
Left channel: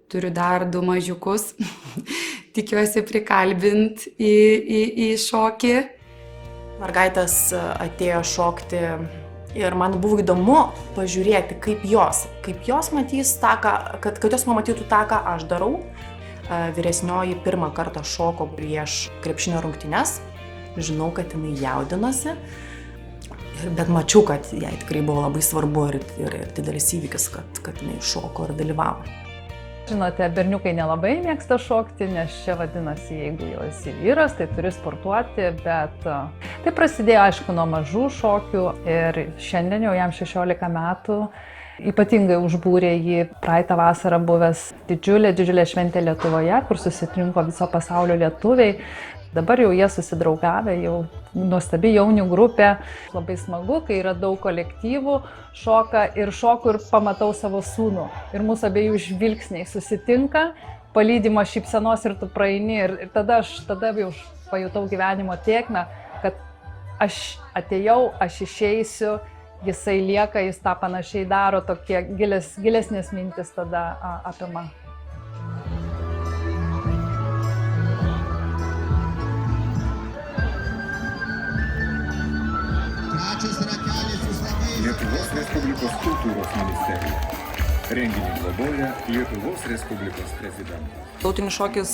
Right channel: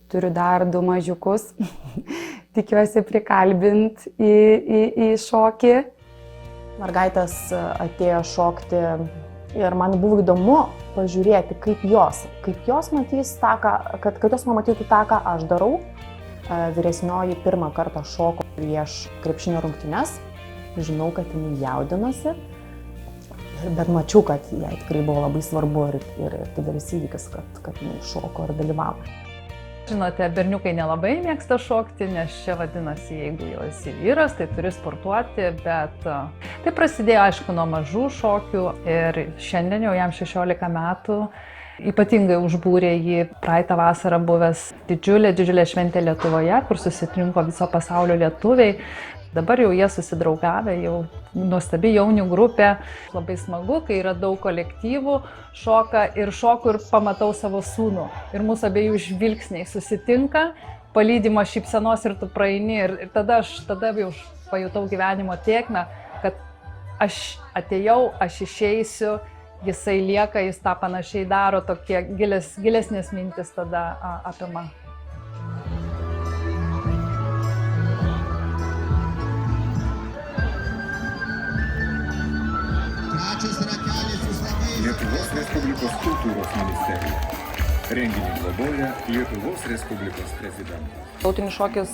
Turiu dar 2 mažiukus. Tikiuosi prikalbint į šokį. Mergaitės atėjo šokti ir man buvo įdomu pažiūrėti, kaip jos matys tą, kad jos matytų tą, ką aš darau. Vyresnioji pirmą kartą šoko prieš krepšinio rungtynes. Žinau, kad jinai jaudinosi, bet mačiau, kad jai tikrai buvo labai svarbu ir didelis įvykis, kad jinai šoko ir dalyvavo. Žinote, berniukai nelabai mėgsta šokti, nes čia vadinasi, jeigu jau esi vyras, tai turi sportuoti, bet tai prasidėjo, aišku, nuo mažų šokių ir šiandien jau jam 16 metų. Ypatingai užbūrė jį praeitą vasarą buvęs didžiulė šventė Lietuvoje, kur susirinko viso pasaulio lietuviai. Dabar jau jie susidraugavę, jau nuostabi jaunių grupė. Labai smagu, kai yra daug kolektyvų, šoku ir pamatau savo sūnų. Ir mūsų abiejų žvilgsniai susitinka, palydimo šypsenos ir tu praeini. Ir tada jau pajutau gyvenimo tėkmę, kad aš atėjau, aš išeisiu. Jisai lieka, jis tą panašiai daro, tokie gilesnės mintis tada apima. Lietuvos Respublikos kultūros ministerija. Renginį globoja Lietuvos Respublikos prezidentas. Tautinis šokis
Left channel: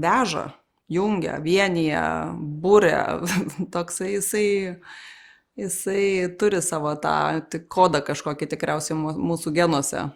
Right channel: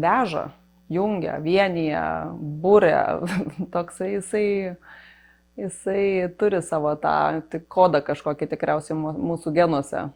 veža, jungia, vienyje, būria. Toksai jisai turi savo tą kodą kažkokį tikriausiai mūsų genuose.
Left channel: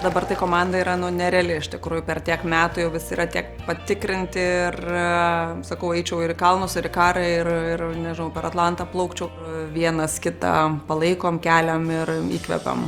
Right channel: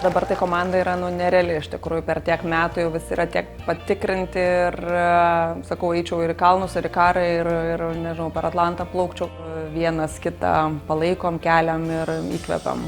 Dabar tai komanda yra nereali, iš tikrųjų, per tiek metų jau visi yra tiek patikrinti ir, sakau, eičiau ir į kalnus, ir į karą, ir nežinau, per Atlantą plaukčiau. Vienas kitą palaikom, keliam ir įkvepiam.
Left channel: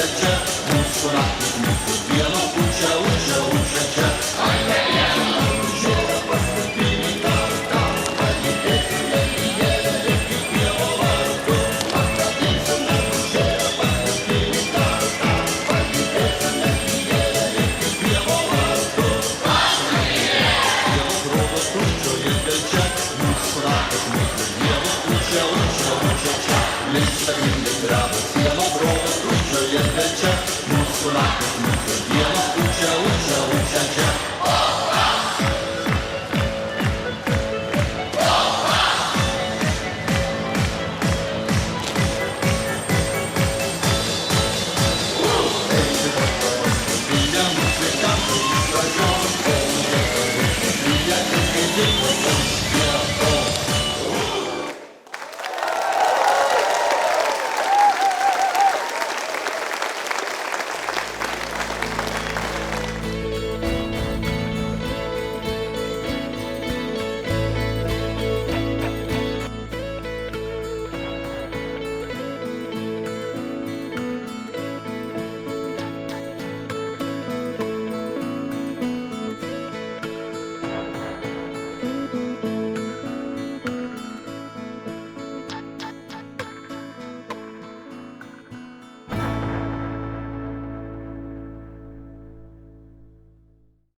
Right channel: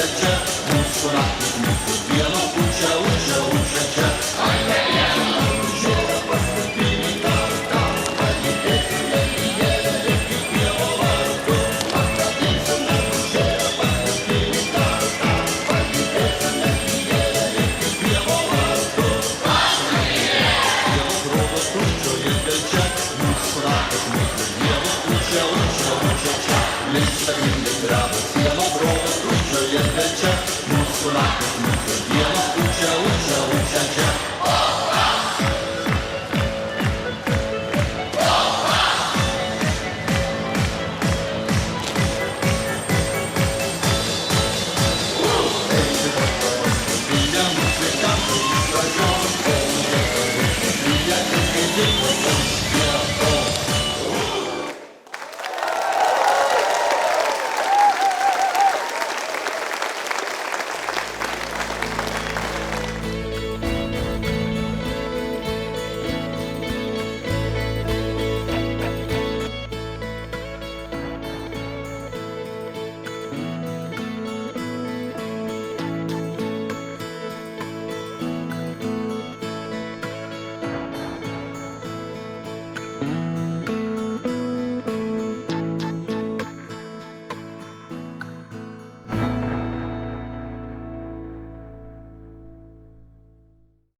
Čia, mūsų naktį